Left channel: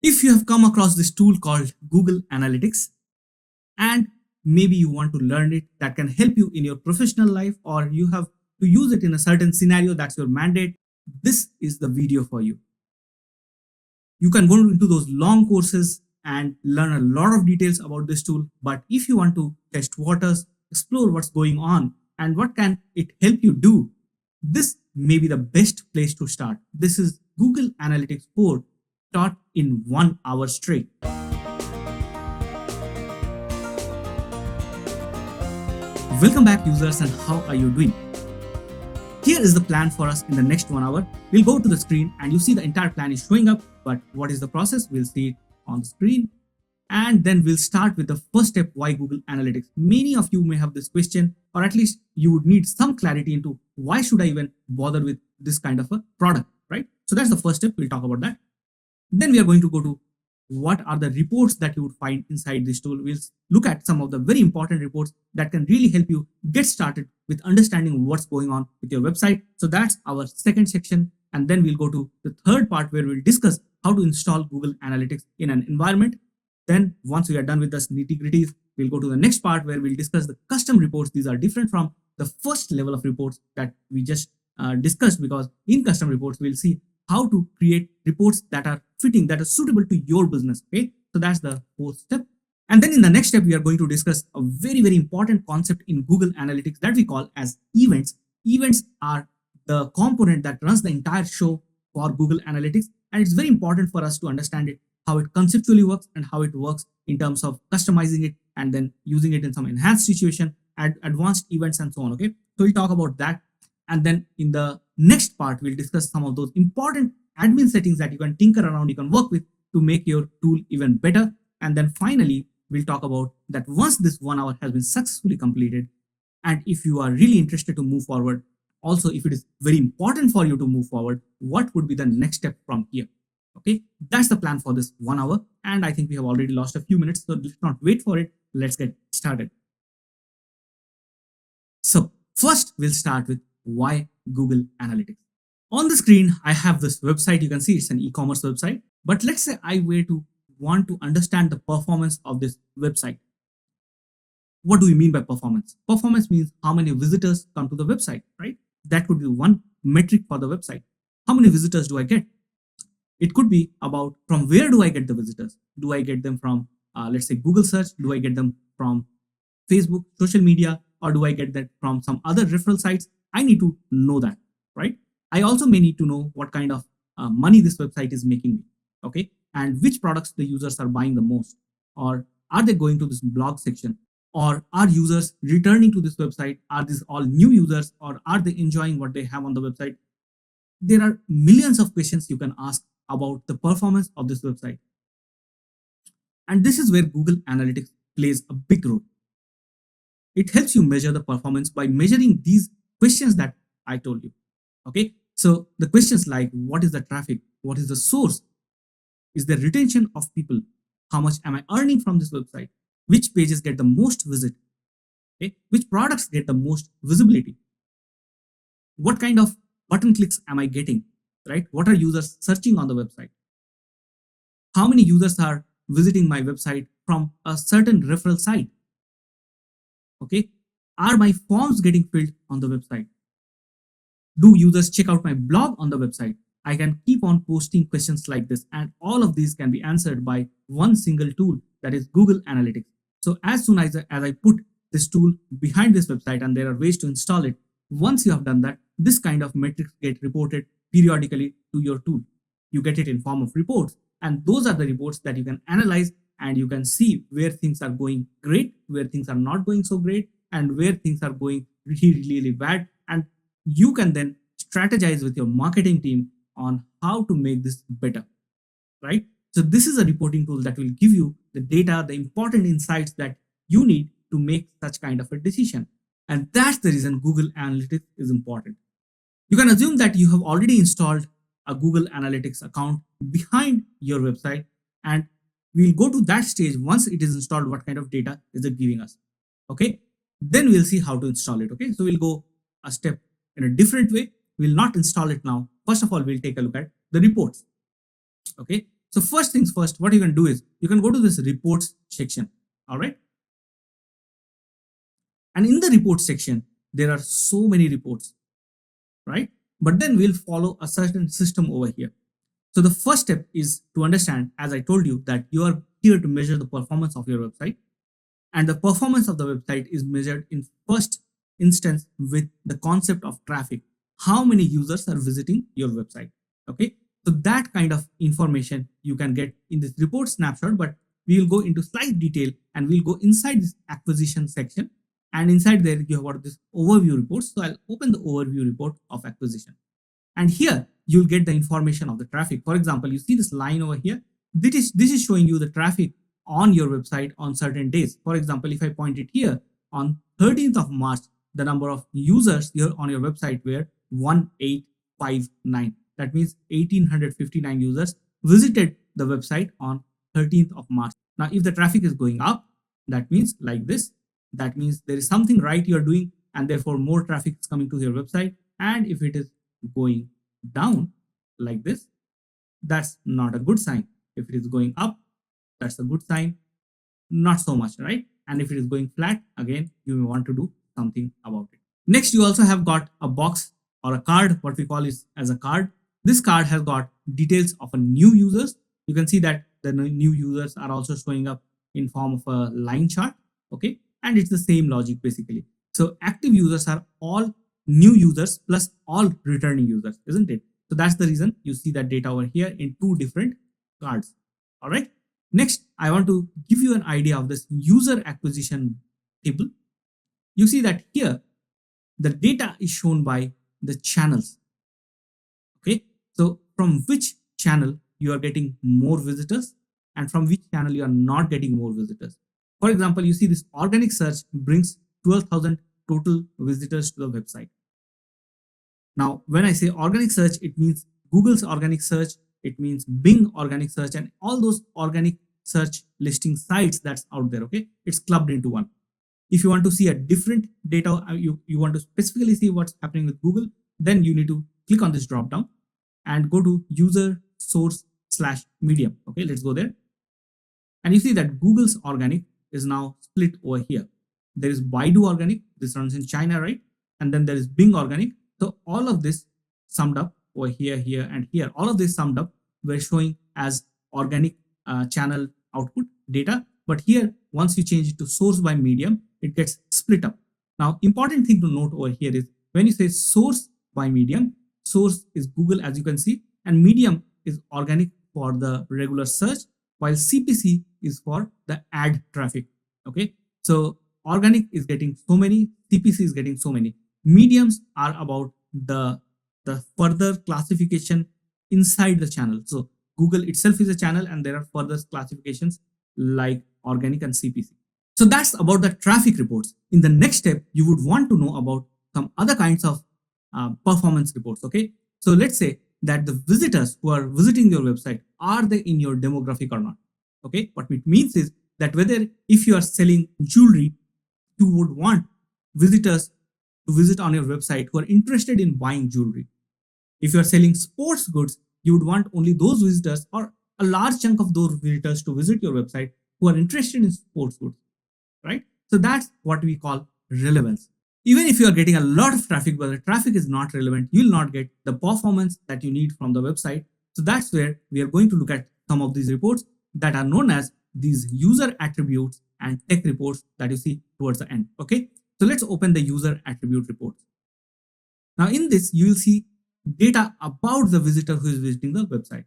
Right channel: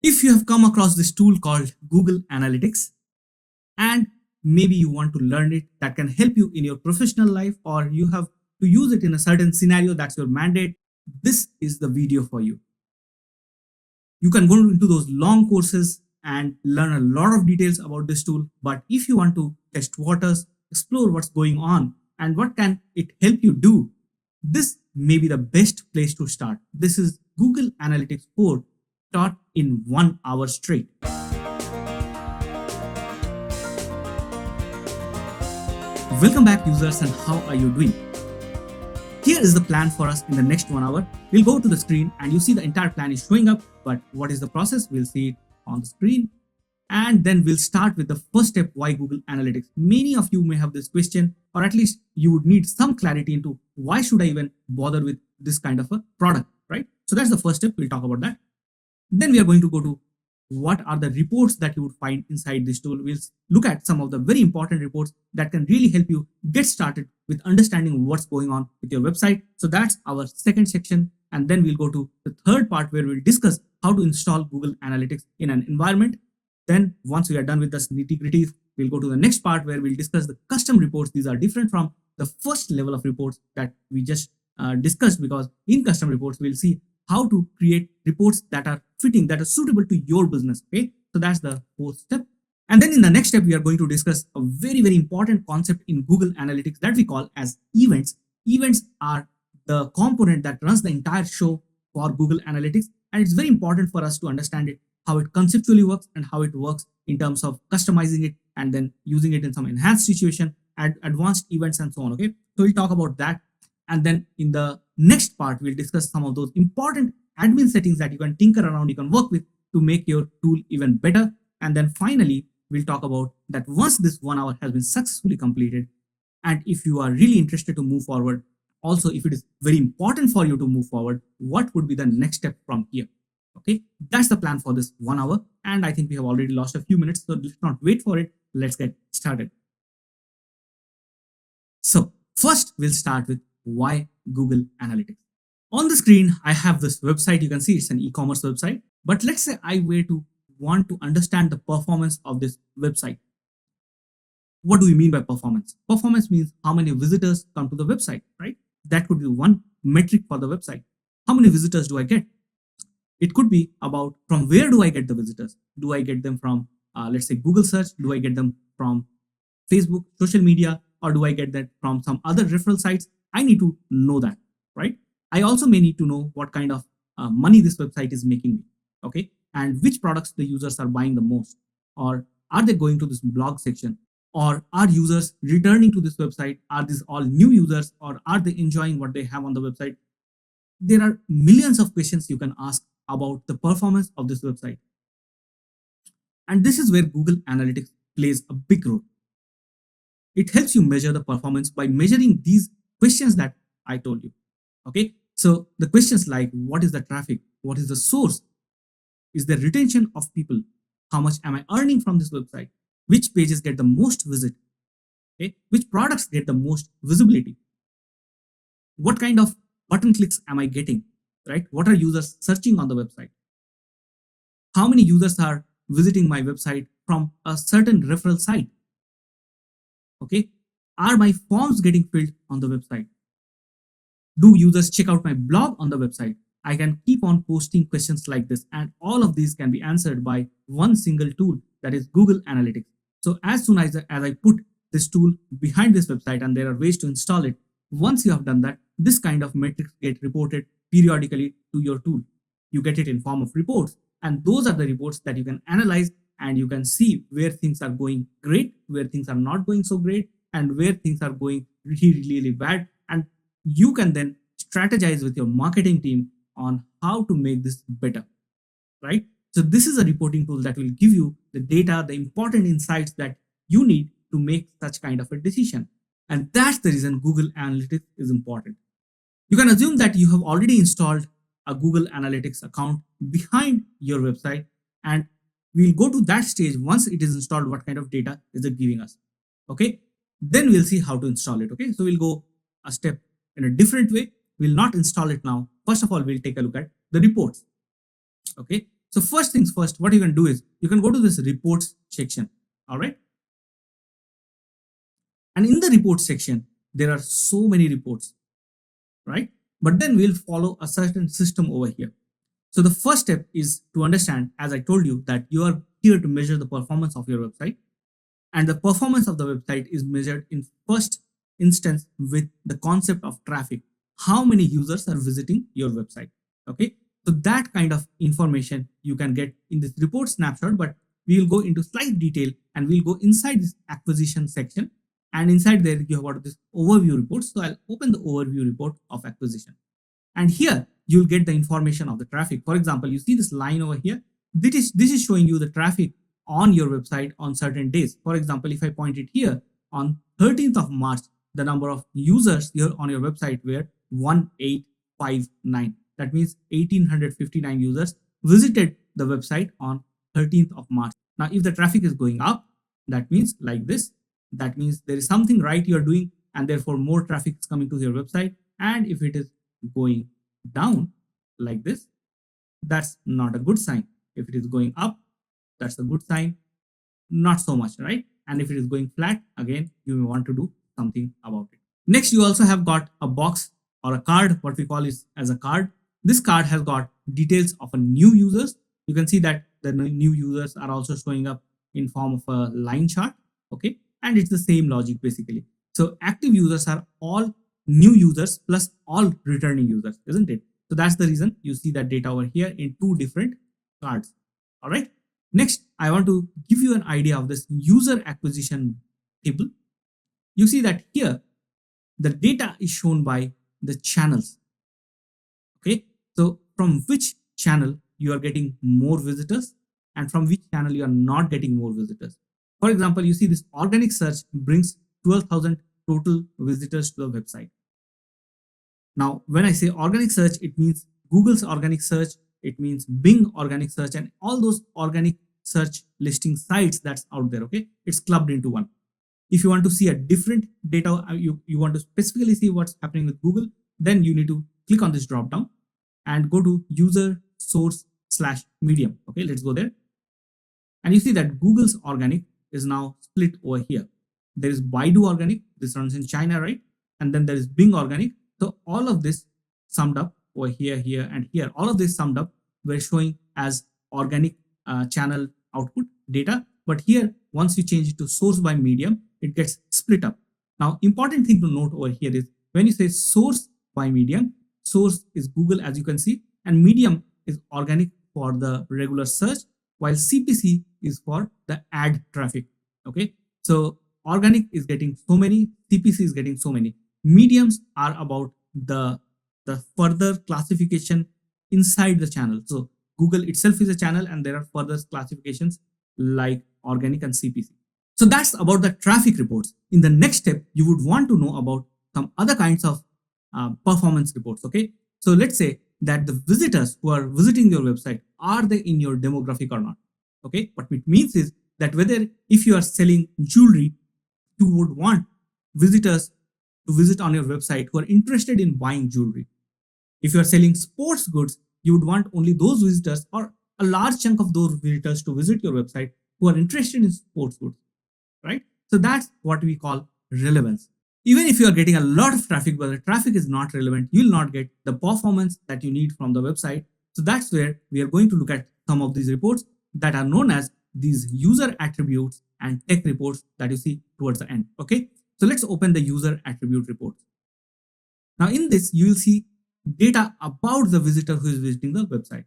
If you have come across this tool called Google Analytics and maybe you want to learn it that can help you in your professional life or you have to use it in a certain scenario that's your mandate, this is the video for you. You can go into those long courses and learn a lot of details about this tool, but if you want to test waters, explore what's going on and what can it help you do, this may be the best place to start. This is Google Analytics 4 taught in 1 hour straight. Welcome back, users, and how are you doing? Here is the plan for us in the next 1 hour. We'll go to the screen and you see the entire plan is showing up, but what is the process? We'll see it on the screen. And then we'll start with the first step, why Google Analytics. Many of you may have this question, or at least you would need some clarity into why should I even bother with this kind of a product, right? So that's the first step. We'll talk about that. Then we are going to go to what are the reports that you would find inside this tool. We'll look at some of the very important reports that can really help you get started with understanding what's going on with your website. So that's our second section. And then we'll go to the third part where we'll discuss how to install Google Analytics in an environment. Then once we are done with the nitty-gritties, we'll go to the next part where we'll discuss the custom reports. These are different from the first level of reports that we just discussed, because in custom reports, we'll see how to create reports that are fitting, that are suitable to your business. Okay, so that's the fourth step. And then in the next step, we are going to discuss a very, very important concept in Google Analytics that we call as events. Events are the component that runs the entire show for Google Analytics. And it's very important for us to understand it, how it conceptually works and how it works in terms of customizing it and then using it in some enhanced situation and advanced events and so on. Okay, so we'll talk about that. And then in the next part, we'll discuss some of those important admin settings that you can tinker around, you can work with to make your tool even better. And then finally, we'll talk about that once this 1 hour has been successfully completed, and if you are really interested to move forward, also if it is very important for you to move forward, what would be the next step from here? Okay, that's the plan for this 1 hour. And I think we have already lost a few minutes, so let's not wait for it. Let's get started. So first, we'll start with why Google Analytics. On the screen, I have this website. You can see it's an e-commerce website. But let's say I were to want to understand the performance of this website. What do we mean by performance? Performance means how many visitors come to the website, right? That could be one metric for the website. How many visitors do I get? It could be about from where do I get the visitors? Do I get them from, let's say, Google search? Do I get them from Facebook, social media, or do I get that from some other referral sites? I need to know that, right? I also may need to know what kind of money this website is making me, okay? And which products the users are buying the most, or are they going to this blog section, or are users returning to this website? Are these all new users, or are they enjoying what they have on the website? There are millions of questions you can ask about the performance of this website. And this is where Google Analytics plays a big role. It helps you measure the performance by measuring these questions that I told you. Okay, so the questions like what is the traffic, what is the source, is the retention of people, how much am I earning from this website, which pages get the most visit, okay, which products get the most visibility, what kind of button clicks am I getting, right? What are users searching on the website? How many users are visiting my website from a certain referral site? Okay, are my forms getting filled on the website? Do users check out my blog on the website? I can keep on posting questions like this, and all of these can be answered by one single tool, that is Google Analytics. So as soon as I put this tool behind this website, and there are ways to install it, once you have done that, this kind of metrics get reported periodically to your tool. You get it in form of reports, and those are the reports that you can analyze, and you can see where things are going great, where things are not going so great, and where things are going really, really bad. And you can then strategize with your marketing team on how to make this better, right? So this is a reporting tool that will give you the data, the important insights that you need to make such kind of a decision. And that's the reason Google Analytics is important. You can assume that you have already installed a Google Analytics account behind your website, and we'll go to that stage. Once it is installed, what kind of data is it giving us? Okay, then we'll see how to install it. Okay, so we'll go a step in a different way. We'll not install it now. First of all, we'll take a look at the reports. Okay, So first things first, what you can do is you can go to this reports section. All right. And in the reports section, there are so many reports, right? But then we'll follow a certain system over here. So the first step is to understand, as I told you, that you are here to measure the performance of your website, and the performance of the website is measured in first instance with the concept of traffic. How many users are visiting your website? Okay, so that kind of information you can get in this report snapshot, but we will go into slight detail and we'll go inside this acquisition section, and inside there you have got this overview report. So I'll open the overview report of acquisition, and here you'll get the information of the traffic. For example, you see this line over here. This is showing you the traffic on your website on certain days. For example, if I point it here on 13th of March, the number of users here on your website were 1859. That means 1859 users visited the website on 13th of March. Now, if the traffic is going up, that means like this, that means there is something right you're doing, and therefore more traffic is coming to your website. And if it is going down like this, that's not a good sign. If it is going up, that's a good sign. Not so much, right? And if it is going flat, again, you may want to do something about it. Next, you also have got a box or a card, what we call is as a card. This card has got details of a new users. You can see that the new users are also showing up in form of a line chart. Okay, and it's the same logic basically. So active users are all new users plus all returning users, isn't it? So that's the reason you see that data over here in two different cards. All right. Next, I want to give you an idea of this user acquisition table. You see that here the data is shown by the channels. Okay, so from which channel you are getting more visitors and from which channel you are not getting more visitors. For example, you see this organic search brings 12,000 total visitors to the website. Now, when I say organic search, it means Google's organic search, it means Bing organic search, and all those organic search listing sites that's out there. Okay, it's clubbed into one. If you want to see a different data, you want to specifically see what's happening with Google, then you need to click on this drop down and go to user source / medium. Okay, let's go there. And you see that Google's organic is now split over here. There is Baidu organic, this runs in China, right? And then there is Bing organic. So all of this summed up over here, here, and here, all of this summed up, we're showing as organic channel output data. But here, once you change it to source by medium, it gets split up. Now, important thing to note over here is when you say source by medium, source is Google, as you can see, and medium is organic for the regular search, while CPC is for the ad traffic. Okay, so organic is getting so many, CPC is getting so many. Mediums are about the further classification inside the channel. So Google itself is a channel, and there are further classifications like organic and CPC. So that's about the traffic reports. In the next step, you would want to know about some other kinds of performance reports. Okay, so let's say that the visitors who are visiting your website, are they in your demographic or not? Okay, what it means is that whether if you are selling jewelry, you would want visitors to visit on your website who are interested in buying jewelry. If you are selling sports goods, you would want only those visitors or a large chunk of those visitors to visit your website who are interested in sports goods, right? So that's what we call relevance. Even if you are getting a lot of traffic, but the traffic is not relevant, you will not get the performance that you need from the website. So that's where we are going to look at some of these reports that are known as these user attributes and tech reports that you see towards the end. Okay, so let's open the user attribute report. Now in this, you will see data about the visitor who is visiting the website.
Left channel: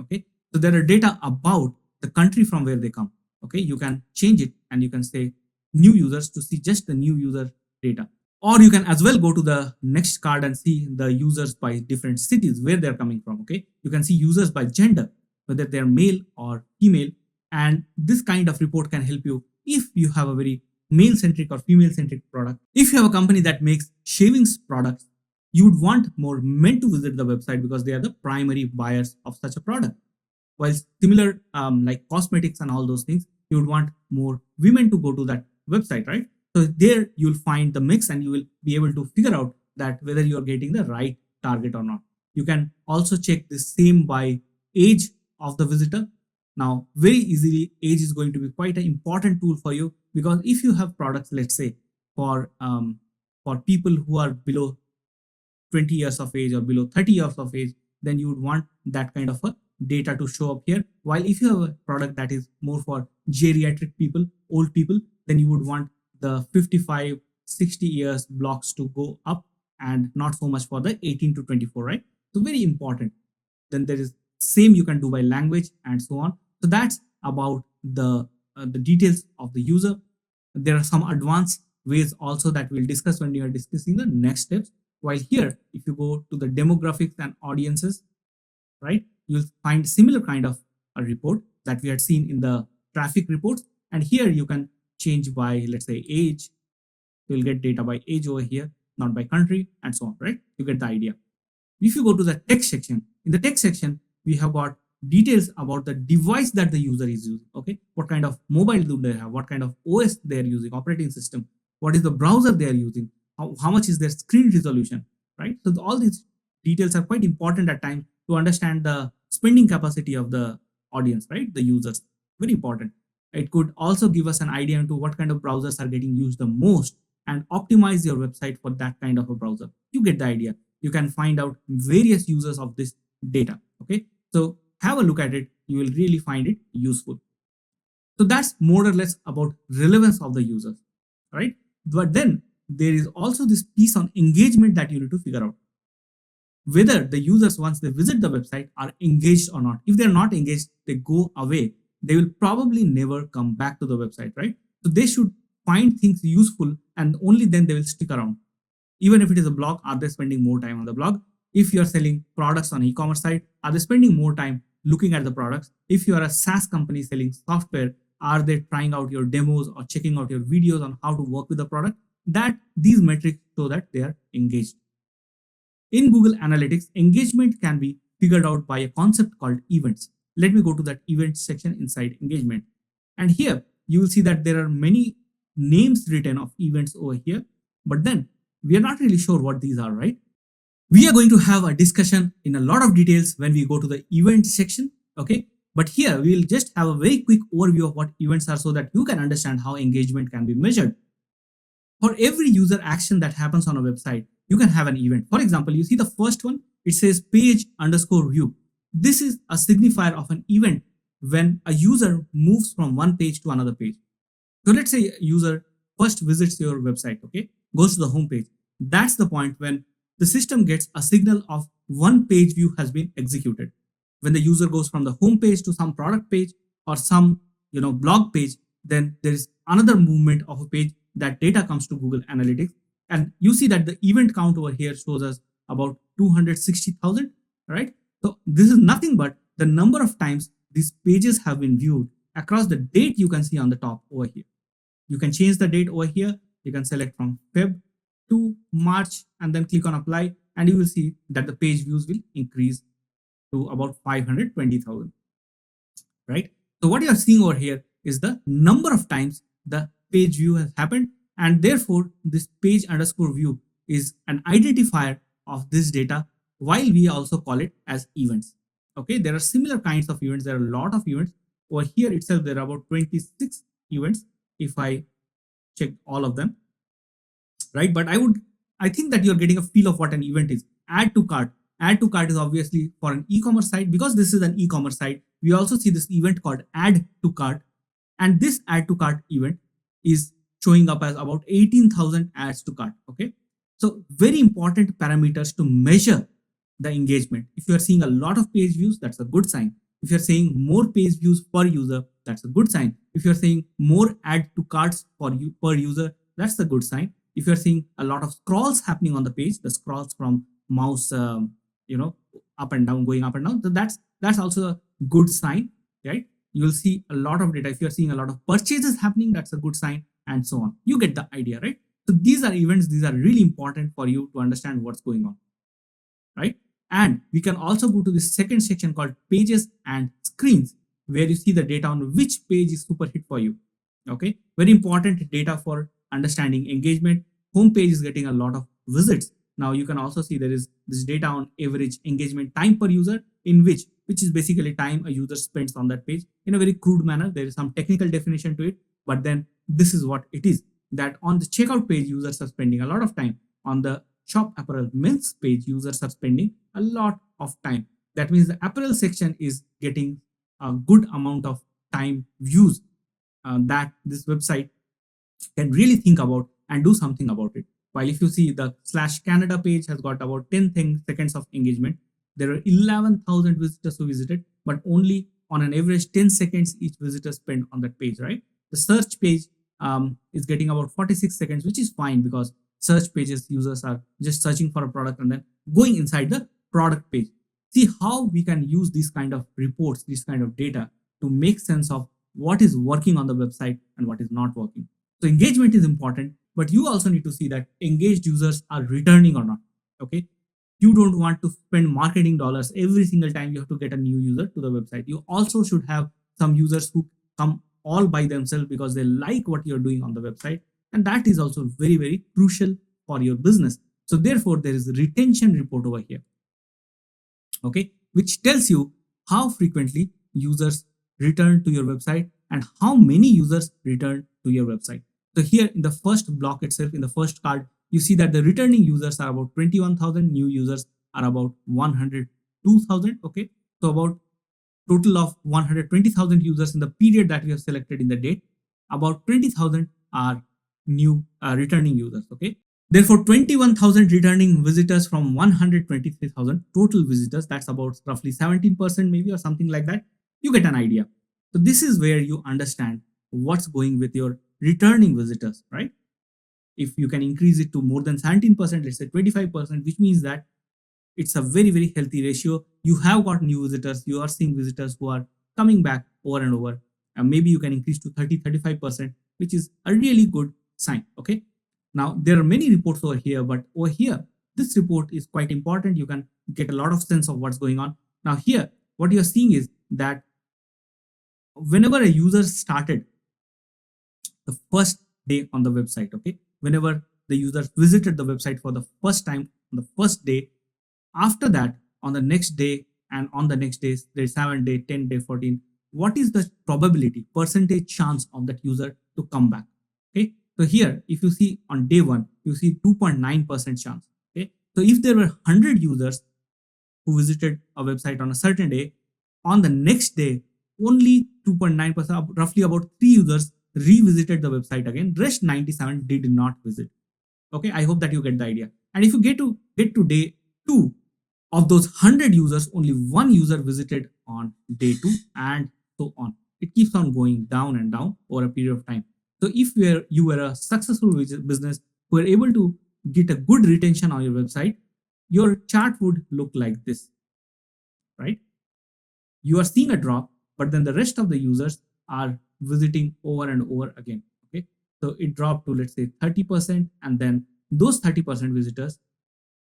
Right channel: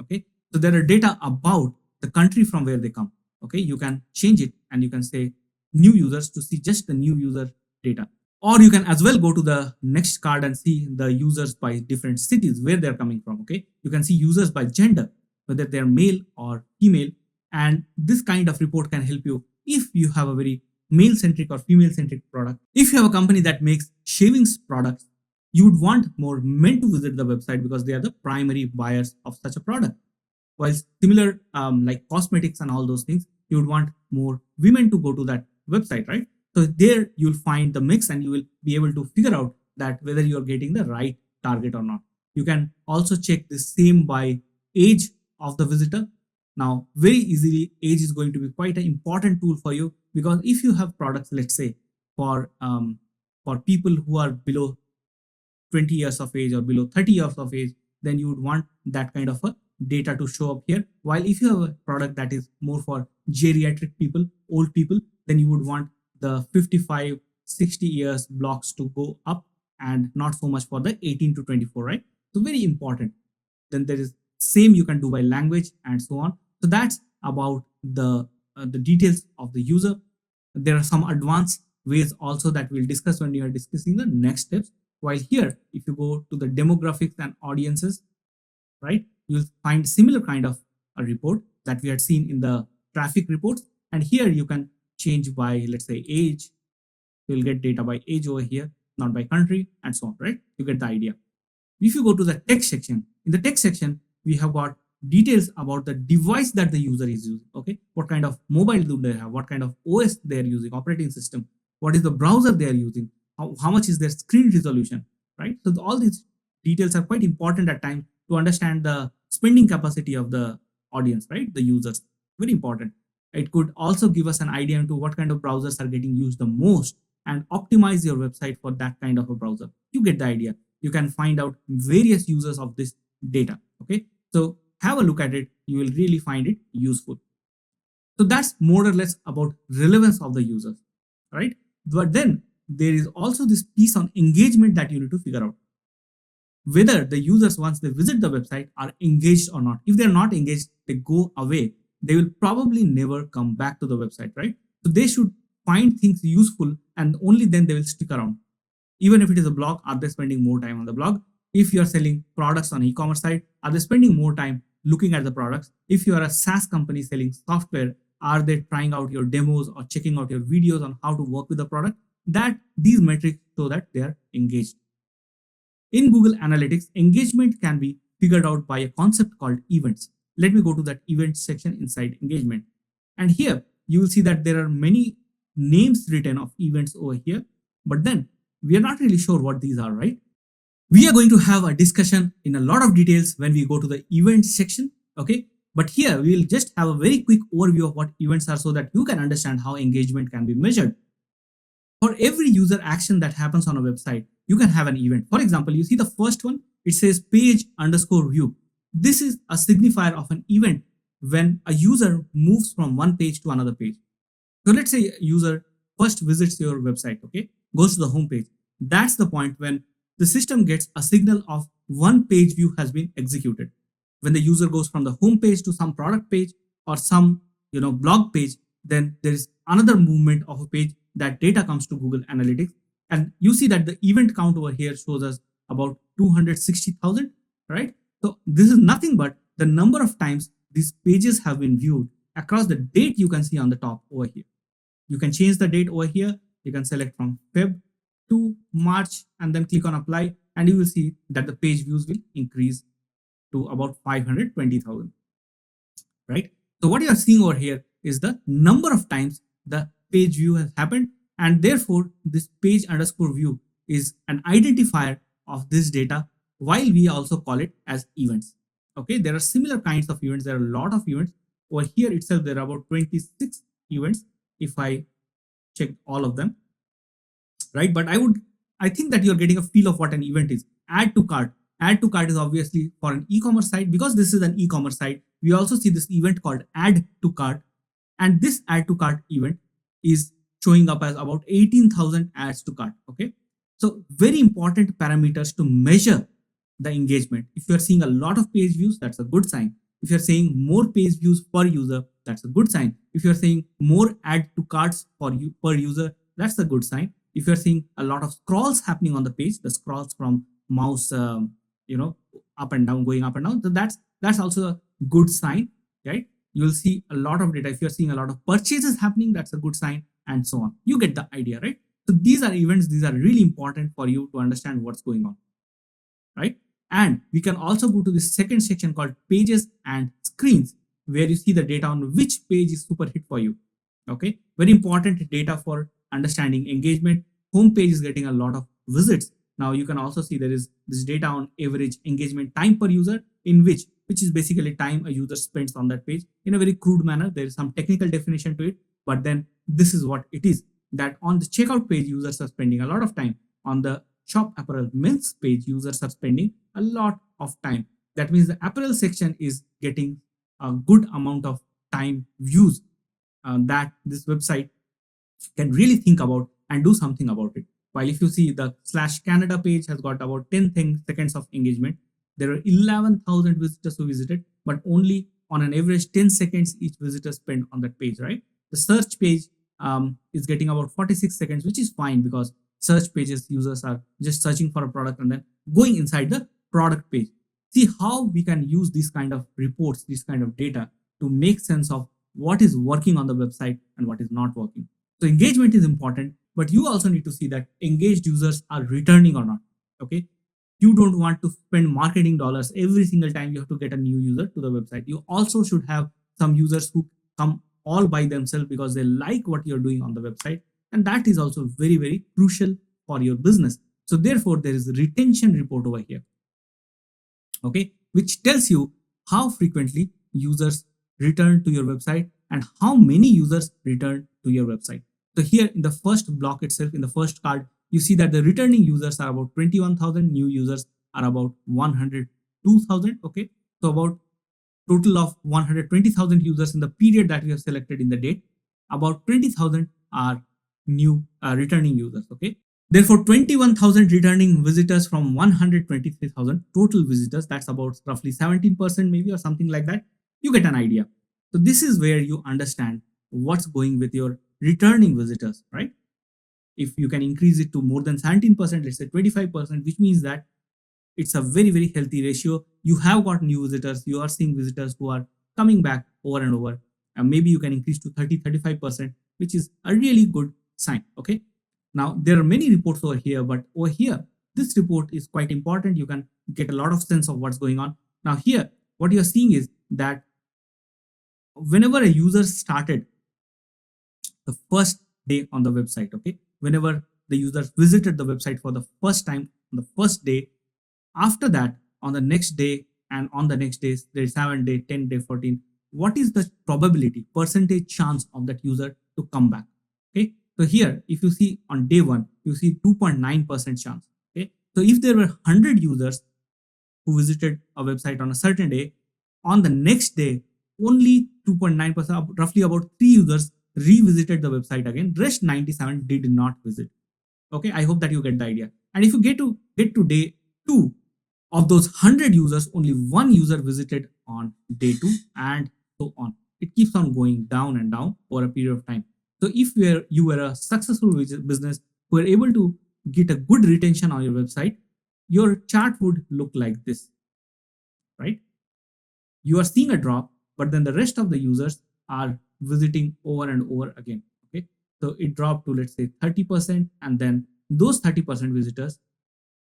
Okay, so there are data about the country from where they come. Okay, you can change it and you can say new users to see just the new user data. Or you can as well go to the next card and see the users by different cities where they're coming from. Okay, you can see users by gender, whether they're male or female. And this kind of report can help you if you have a very male-centric or female-centric product. If you have a company that makes shavings products, you would want more men to visit the website because they are the primary buyers of such a product. While similar like cosmetics and all those things, you would want more women to go to that website, right? So there you'll find the mix and you will be able to figure out that whether you're getting the right target or not. You can also check the same by age of the visitor. Now, very easily, age is going to be quite an important tool for you, because if you have products, let's say for people who are below 20 years of age or below 30 years of age, then you would want that kind of a data to show up here. While if you have a product that is more for geriatric people, old people, then you would want the 55, 60 years blocks to go up, and not so much for the 18 to 24, right? So very important. Then there is same you can do by language and so on. So that's about the details of the user. There are some advanced ways also that we'll discuss when we are discussing the next steps. While here, if you go to the demographics and audiences, right, you'll find similar kind of a report that we had seen in the traffic reports. And here you can change by, let's say, age. You'll get data by age over here, not by country, and so on, right? You get the idea. If you go to the text section, in the text section, we have got details about the device that the user is using. Okay, what kind of mobile do they have, what kind of OS they are using, operating system, what is the browser they are using, how much is their screen resolution, right? So all these details are quite important at times to understand the spending capacity of the audience, right? The users, very important. It could also give us an idea into what kind of browsers are getting used the most, and optimize your website for that kind of a browser. You get the idea. You can find out various users of this data. Okay, so have a look at it. You will really find it useful. So that's more or less about relevance of the users, right? But then there is also this piece on engagement that you need to figure out, whether the users, once they visit the website, are engaged or not. If they're not engaged, they go away. They will probably never come back to the website, right? So they should find things useful, and only then they will stick around. Even if it is a blog, are they spending more time on the blog? If you are selling products on e-commerce site, are they spending more time looking at the products? If you are a SaaS company selling software, are they trying out your demos or checking out your videos on how to work with the product? That these metrics show that they are engaged. In Google Analytics, engagement can be figured out by a concept called events. Let me go to that events section inside engagement. And here you will see that there are many names written of events over here, but then we are not really sure what these are, right? We are going to have a discussion in a lot of details when we go to the events section, okay? But here we will just have a very quick overview of what events are so that you can understand how engagement can be measured. For every user action that happens on a website, you can have an event. For example, you see the first one, it says page underscore view. This is a signifier of an event when a user moves from one page to another page. So let's say a user first visits your website, okay, goes to the home page. That's the point when the system gets a signal of one page view has been executed. When the user goes from the home page to some product page or some blog page, then there is another movement of a page. That data comes to Google Analytics, and you see that the event count over here shows us about 260,000, right? So this is nothing but the number of times these pages have been viewed across the date. You can see on the top over here. You can change the date over here. You can select from Feb to March and then click on apply, and you will see that the page views will increase to about 520,000, right? So what you are seeing over here is the number of times the page view has happened, and therefore this page underscore view is an identifier of this data, while we also call it as events. Okay, there are similar kinds of events. There are a lot of events. Over here itself, there are about 26 events if I check all of them, right? But I think that you're getting a feel of what an event is. Add to cart. Add to cart is obviously for an e-commerce site. Because this is an e-commerce site, we also see this event called add to cart, and this add to cart event is showing up as about 18,000 adds to cart. Okay, so very important parameters to measure the engagement. If you're seeing a lot of page views, that's a good sign. If you're saying more page views per user, that's a good sign. If you're saying more add to carts for you per user, that's a good sign. If you're seeing a lot of scrolls happening on the page, the scrolls from mouse, up and down, going up and down, so that's also a good sign, right? You will see a lot of data. If you're seeing a lot of purchases happening, that's a good sign, and so on. You get the idea, right? So these are events. These are really important for you to understand what's going on, right? And we can also go to the second section called pages and screens, where you see the data on which page is super hit for you. Okay, very important data for understanding engagement. Home page is getting a lot of visits, Now you can also see there is this data on average engagement time per user, in which is basically time a user spends on that page. In a very crude manner, there is some technical definition to it, but then this is what it is, that on the checkout page users are spending a lot of time. On the shop apparel men's page users are spending a lot of time. That means the apparel section is getting a good amount of time views that this website can really think about and do something about it. While if you see the slash Canada page has got about 10 seconds of engagement, there are 11,000 visitors who visited, but only on an average 10 seconds each visitor spent on that page, right? The search page is getting about 46 seconds, which is fine because search pages users are just searching for a product and then going inside the product page. See how we can use these kind of reports, this kind of data to make sense of what is working on the website and what is not working. So engagement is important, but you also need to see that engaged users are returning or not. Okay. You don't want to spend marketing dollars every single time you have to get a new user to the website. You also should have some users who come all by themselves because they like what you're doing on the website. And that is also very, very crucial for your business. So therefore, there is a retention report over here. Okay, which tells you how frequently users return to your website and how many users return to your website. So here in the first block itself, in the first card, you see that the returning users are about 21,000, new users are about 102,000. Okay, so about total of 120,000 users in the period that we have selected in the date. About 20,000 are new returning users. Okay, therefore 21,000 returning visitors from 123,000 total visitors. That's about roughly 17% maybe or something like that. You get an idea. So this is where you understand what's going with your returning visitors, right? If you can increase it to more than 17%, let's say 25%, which means that it's a very, very healthy ratio. You have got new visitors, you are seeing visitors who are coming back over and over, and maybe you can increase to 30-35%, which is a really good sign. Okay, now there are many reports over here, but over here this report is quite important. You can get a lot of sense of what's going on. Now here what you're seeing is that whenever a user started the first day on the website, okay, whenever the user visited the website for the first time on the first day, after that on the next day and on the next days, there is 7 day, 10 day, 14, what is the probability percentage chance of that user to come back? Okay, so here if you see on day one you see 2.9% chance. Okay, so if there were 100 users who visited a website on a certain day, on the next day only 2.9%, roughly about 3 users revisited the website again. Rest 97 did not visit. Okay, I hope that you get the idea. And if you get to day 2, of those 100 users, only 1 user visited on day 2, and so on. It keeps on going down and down for a period of time. So if you were a successful business who were able to get a good retention on your website, your chart would look like this, right? You are seeing a drop, but then the rest of the users are visiting over and over again. Okay, so it dropped to let's say 30%, and then those 30% visitors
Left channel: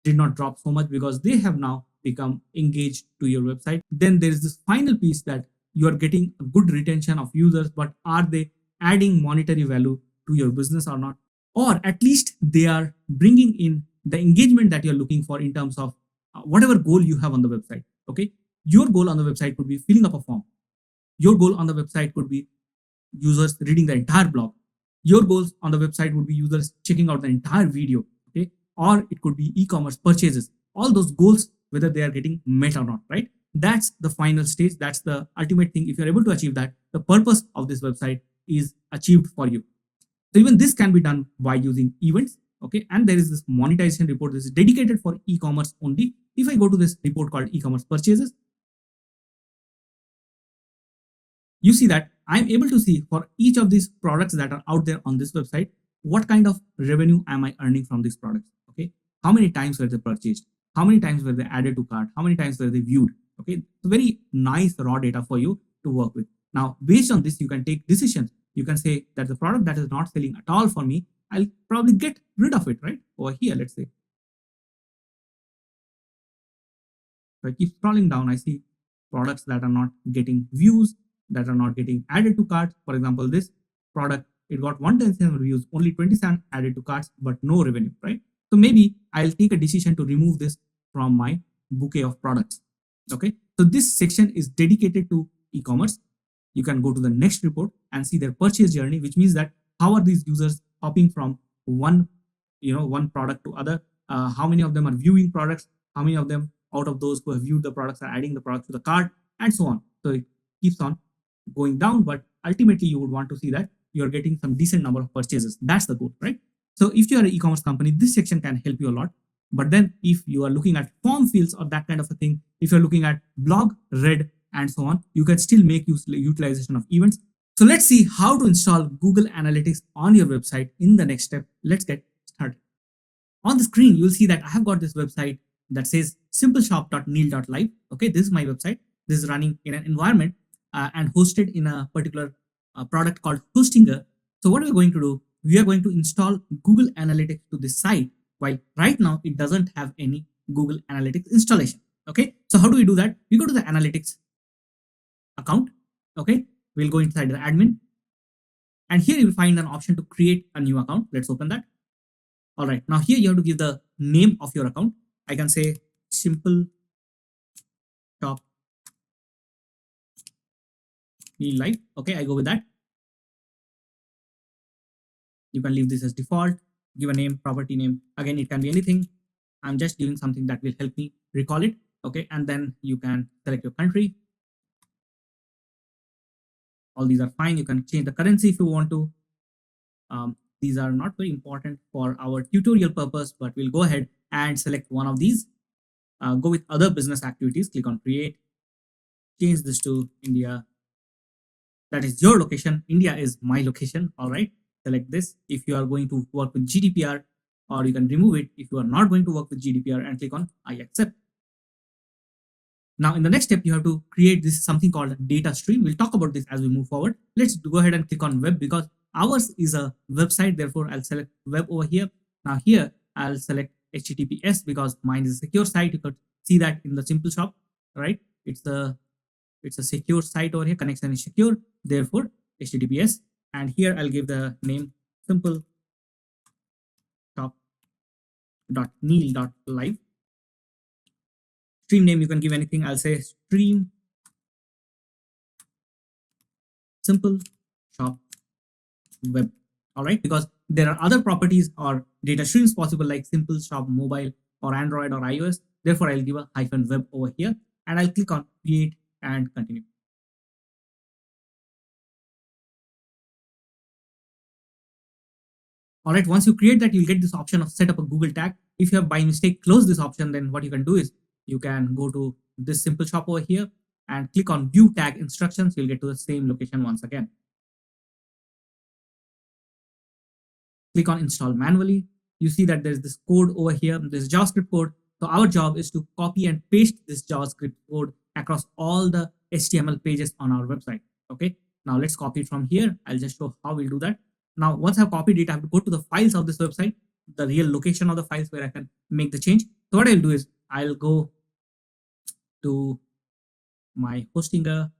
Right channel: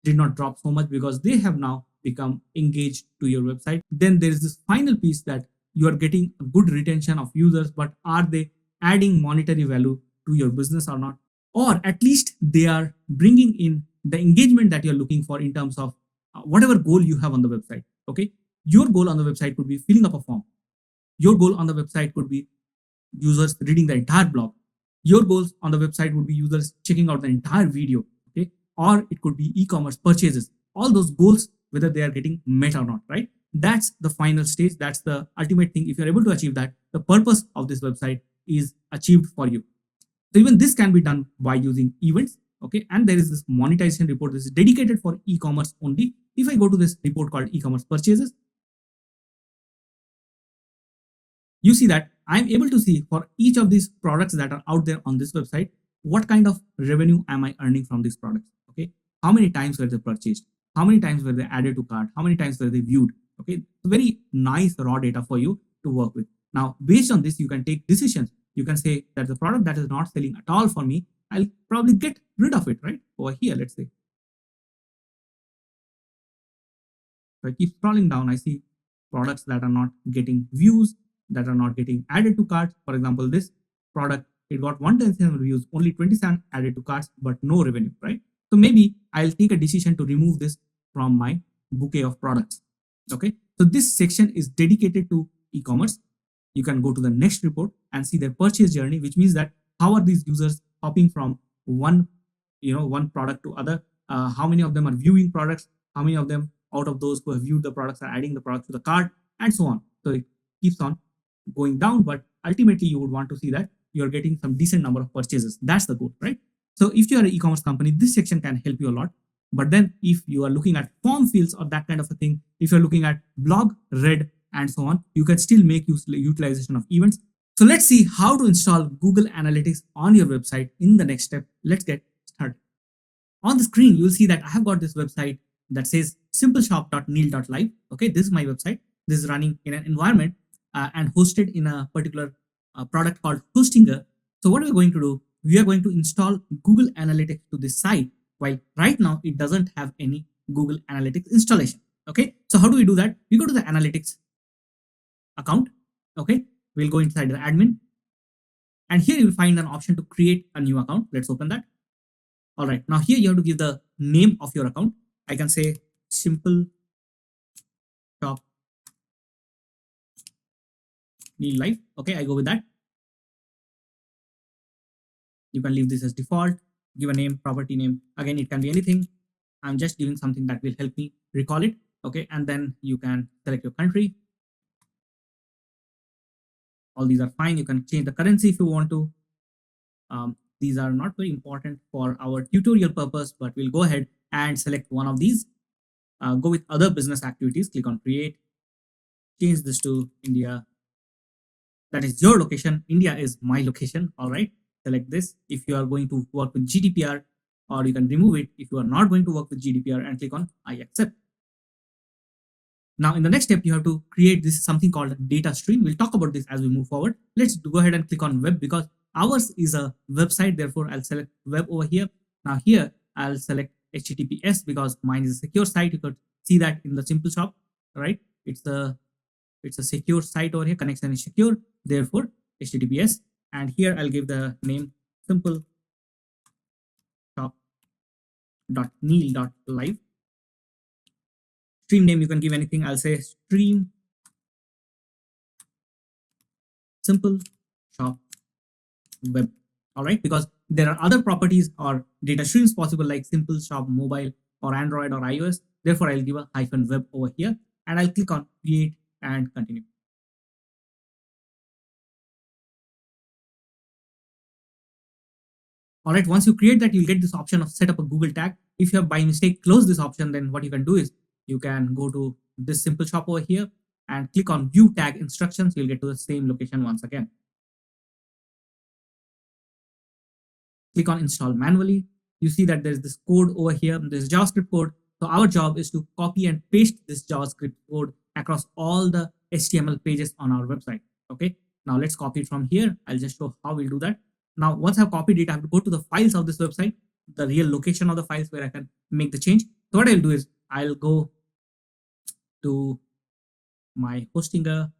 did not drop so much because they have now become engaged to your website. Then there is this final piece that you are getting a good retention of users, but are they adding monetary value to your business or not? Or at least they are bringing in the engagement that you're looking for in terms of whatever goal you have on the website. Okay, your goal on the website could be filling up a form. Your goal on the website could be users reading the entire blog. Your goals on the website would be users checking out the entire video. Okay, or it could be e-commerce purchases. All those goals, whether they are getting met or not, right? That's the final stage. That's the ultimate thing. If you're able to achieve that, the purpose of this website is achieved for you. So even this can be done by using events. Okay, and there is this monetization report that is dedicated for e-commerce only. If I go to this report called e-commerce purchases, you see that I'm able to see for each of these products that are out there on this website, what kind of revenue am I earning from these products? Okay, how many times were they purchased? How many times were they added to cart? How many times were they viewed? Okay, very nice raw data for you to work with. Now, based on this, you can take decisions. You can say that the product that is not selling at all for me, I'll probably get rid of it, right? Over here, let's say. So I keep scrolling down, I see products that are not getting views, that are not getting added to carts. For example, this product, it got 110 views, only 27 added to carts, but no revenue, right? So maybe I'll take a decision to remove this from my bouquet of products. Okay, so this section is dedicated to e-commerce. You can go to the next report and see their purchase journey, which means that how are these users hopping from one one product to other, how many of them are viewing products, how many of them out of those who have viewed the products are adding the products to the cart, and so on. So it keeps on going down, but ultimately you would want to see that you're getting some decent number of purchases. That's the goal, right? So if you're an e-commerce company, this section can help you a lot. But then if you are looking at form fields or that kind of a thing, if you're looking at blog, read, and so on, you can still make use utilization of events. So let's see how to install Google Analytics on your website in the next step. Let's get started. On the screen, you'll see that I have got this website that says simpleshop.neil.live. Okay, this is my website. This is running in an environment and hosted in a particular product called Hostinger. So what we're going to do, we are going to install Google Analytics to this site. While right now it doesn't have any Google Analytics installation. Okay, so how do we do that? We go to the Analytics account. Okay, we'll go inside the admin, and here you'll find an option to create a new account. Let's open that. All right, now here you have to give the name of your account. I can say simple shop live. Okay, I go with that. You can leave this as default, give a name, property name. Again, it can be anything. I'm just giving something that will help me recall it. Okay, and then you can select your country. All these are fine. You can change the currency if you want to. These are not very important for our tutorial purpose, but we'll go ahead and select one of these. Go with other business activities, click on create, change this to India. That is your location. India is my location. All right, select this if you are going to work with GDPR, or you can remove it if you are not going to work with GDPR and click on I accept. Now in the next step, you have to create this something called data stream. We'll talk about this as we move forward. Let's go ahead and click on web because ours is a website. Therefore, I'll select web over here. Now here, I'll select HTTPS because mine is a secure site. You could see that in the simple shop, right? It's a secure site over here. Connection is secure. Therefore, HTTPS. And here I'll give the name simple shop.neil.live. Stream name you can give anything. I'll say stream simple shop web. All right, because there are other properties or data streams possible like simple shop mobile or Android or iOS. Therefore, I'll give a hyphen web over here and I'll click on create and continue. All right, once you create that, you'll get this option of set up a Google tag. If you have by mistake closed this option, then what you can do is you can go to this simple shop over here and click on view tag instructions. You'll get to the same location once again. Click on install manually. You see that there's this code over here. There's JavaScript code. So our job is to copy and paste this JavaScript code across all the HTML pages on our website. Okay. Now let's copy it from here. I'll just show how we'll do that. Now, once I've copied it, I have to go to the files of this website, the real location of the files where I can make the change. So what I'll do is I'll go to my Hostinger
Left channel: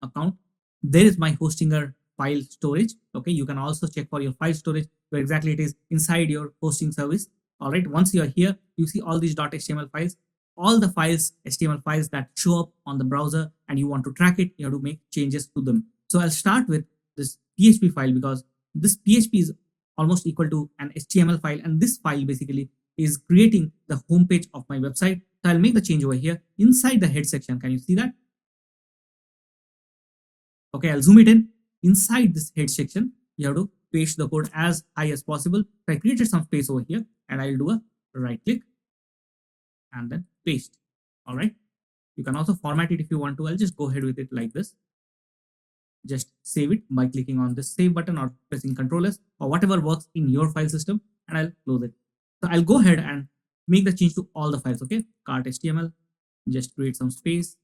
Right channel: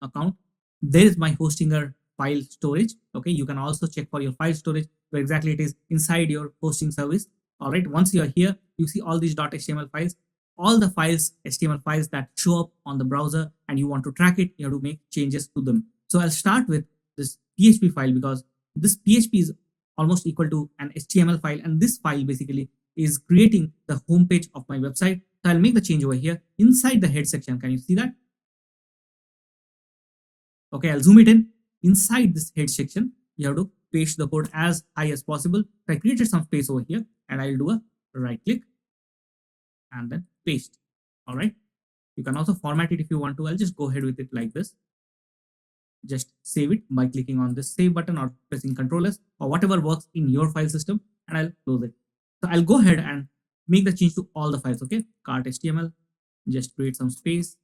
account. There is my Hostinger file storage. Okay, you can also check for your file storage where exactly it is inside your hosting service. All right, once you are here, you see all these .html files, all the files, HTML files that show up on the browser, and you want to track it, you have to make changes to them. So I'll start with this PHP file because this PHP is almost equal to an HTML file, and this file basically is creating the home page of my website. So I'll make the change over here inside the head section. Can you see that? Okay, I'll zoom it in. Inside this head section, you have to paste the code as high as possible. So I created some space over here, and I'll do a right click and then paste. All right. You can also format it if you want to. I'll just go ahead with it like this. Just save it by clicking on the save button or pressing Ctrl S or whatever works in your file system, and I'll close it. So I'll go ahead and make the change to all the files. Okay, cart HTML, just create some space.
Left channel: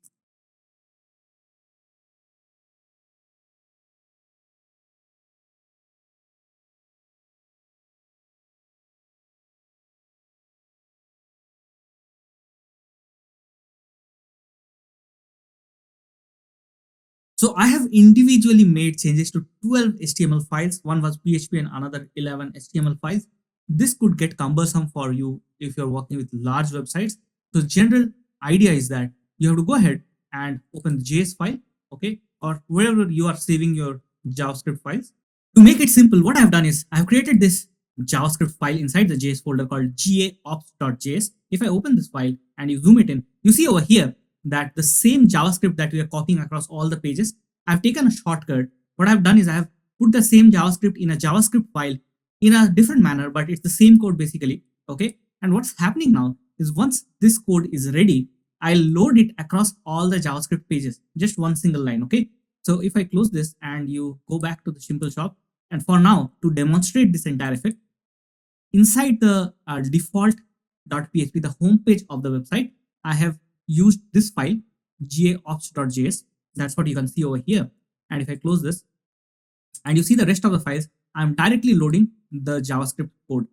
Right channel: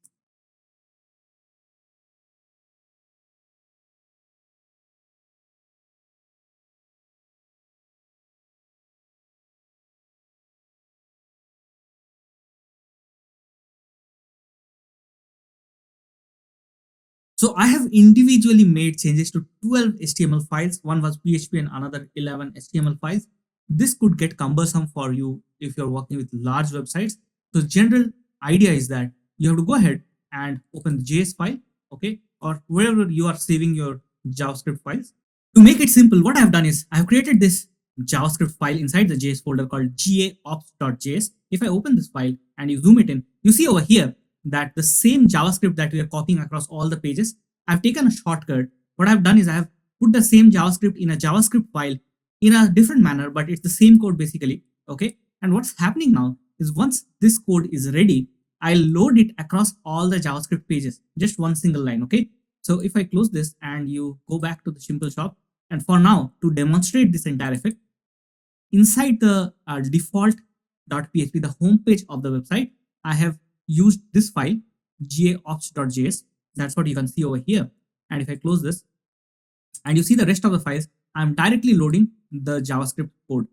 So I have individually made changes to 12 HTML files. One was PHP and another 11 HTML files. This could get cumbersome for you if you're working with large websites. So general idea is that you have to go ahead and open the JS file, okay, or wherever you are saving your JavaScript files. To make it simple, what I've done is I've created this JavaScript file inside the JS folder called gaops.js. If I open this file and you zoom it in, you see over here that the same JavaScript that we are copying across all the pages, I've taken a shortcut. What I've done is I have put the same JavaScript in a JavaScript file in a different manner, but it's the same code basically. Okay. And what's happening now is once this code is ready, I'll load it across all the JavaScript pages, just one single line. Okay. So if I close this and you go back to the simple shop, and for now, to demonstrate this entire effect, inside the default.php, the home page of the website, I have used this file, gaops.js. That's what you can see over here. And if I close this, and you see the rest of the files, I'm directly loading the JavaScript code,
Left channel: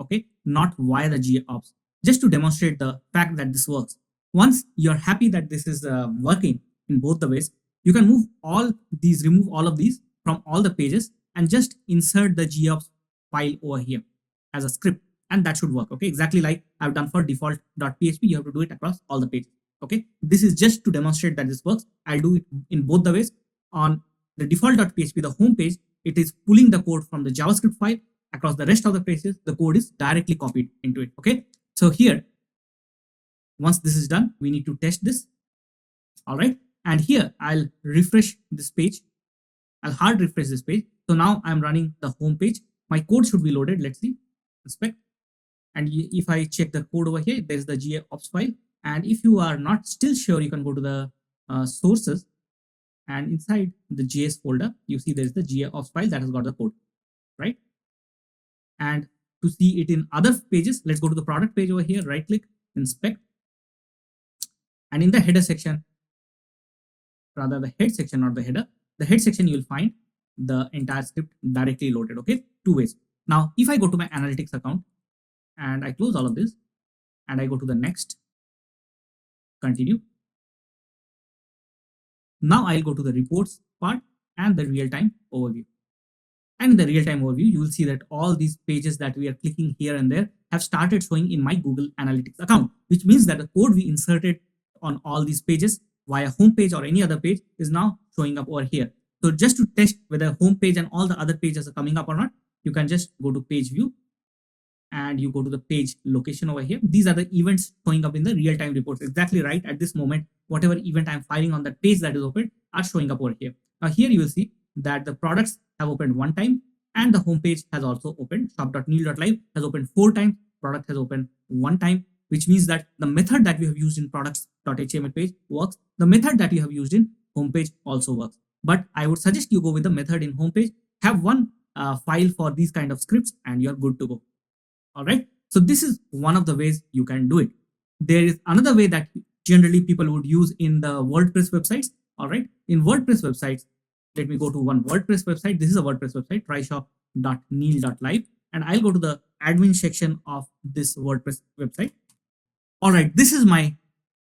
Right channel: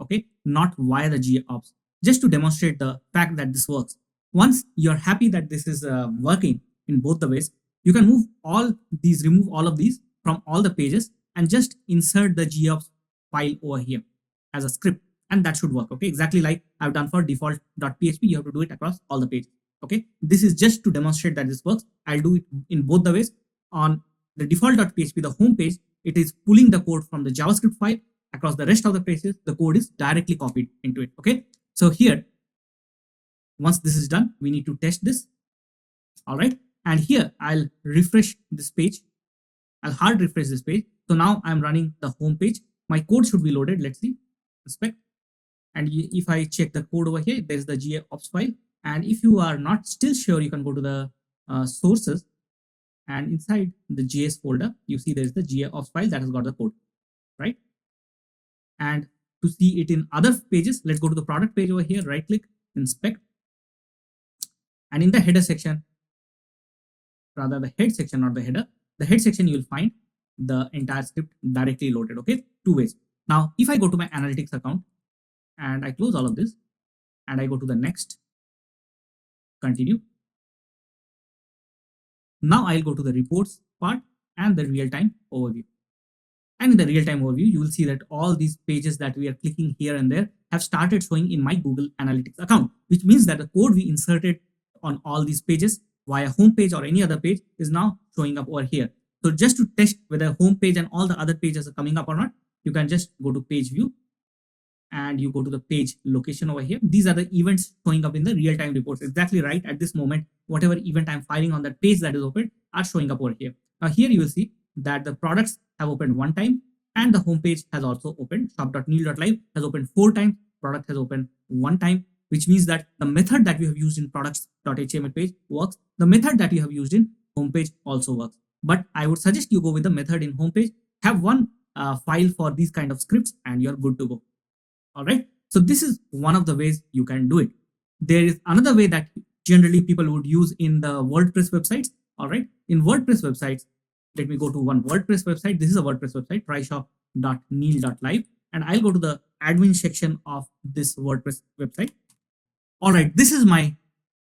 okay, not via the GAops, just to demonstrate the fact that this works. Once you're happy that this is working in both the ways, you can remove all of these from all the pages and just insert the GAops file over here as a script, and that should work, okay, exactly like I've done for default.php. You have to do it across all the pages, okay. This is just to demonstrate that this works. I'll do it in both the ways. On the default.php, the home page, it is pulling the code from the JavaScript file across the rest of the pages. The code is directly copied into it. Okay. So here, once this is done, we need to test this. All right. And here I'll refresh this page. I'll hard refresh this page. So now I'm running the home page. My code should be loaded. Let's see. Respect. And if I check the code over here, there's the GAops file. And if you are not still sure, you can go to the sources. And inside the JS folder, you see there's the GAops file that has got the code, right? And to see it in other pages, let's go to the product page over here, right click, inspect. And in the header section, rather the head section, not the header, the head section, you'll find the entire script directly loaded, okay? Two ways. Now, if I go to my analytics account and I close all of this and I go to the next, continue. Now I'll go to the reports part and the real-time overview. And in the real-time overview, you will see that all these pages that we are clicking here and there have started showing in my Google Analytics account, which means that the code we inserted on all these pages via homepage or any other page is now showing up over here. So just to test whether homepage and all the other pages are coming up or not, you can just go to page view and you go to the page location over here. These are the events showing up in the real-time reports. Exactly right at this moment, whatever event I'm filing on that page that is open are showing up over here. Now here you will see that the products have opened one time and the homepage has also opened. Shop.neil.live has opened 4 times. Product has opened 1 time, which means that the method that we have used in products.html page works. The method that you have used in homepage also works. But I would suggest you go with the method in homepage. Have one file for these kind of scripts and you're good to go. All right. So this is one of the ways you can do it. There is another way that generally people would use in the WordPress websites. All right. In WordPress websites, let me go to one WordPress website. This is a WordPress website, tryshop.neil.live. And I'll go to the admin section of this WordPress website. All right. This is my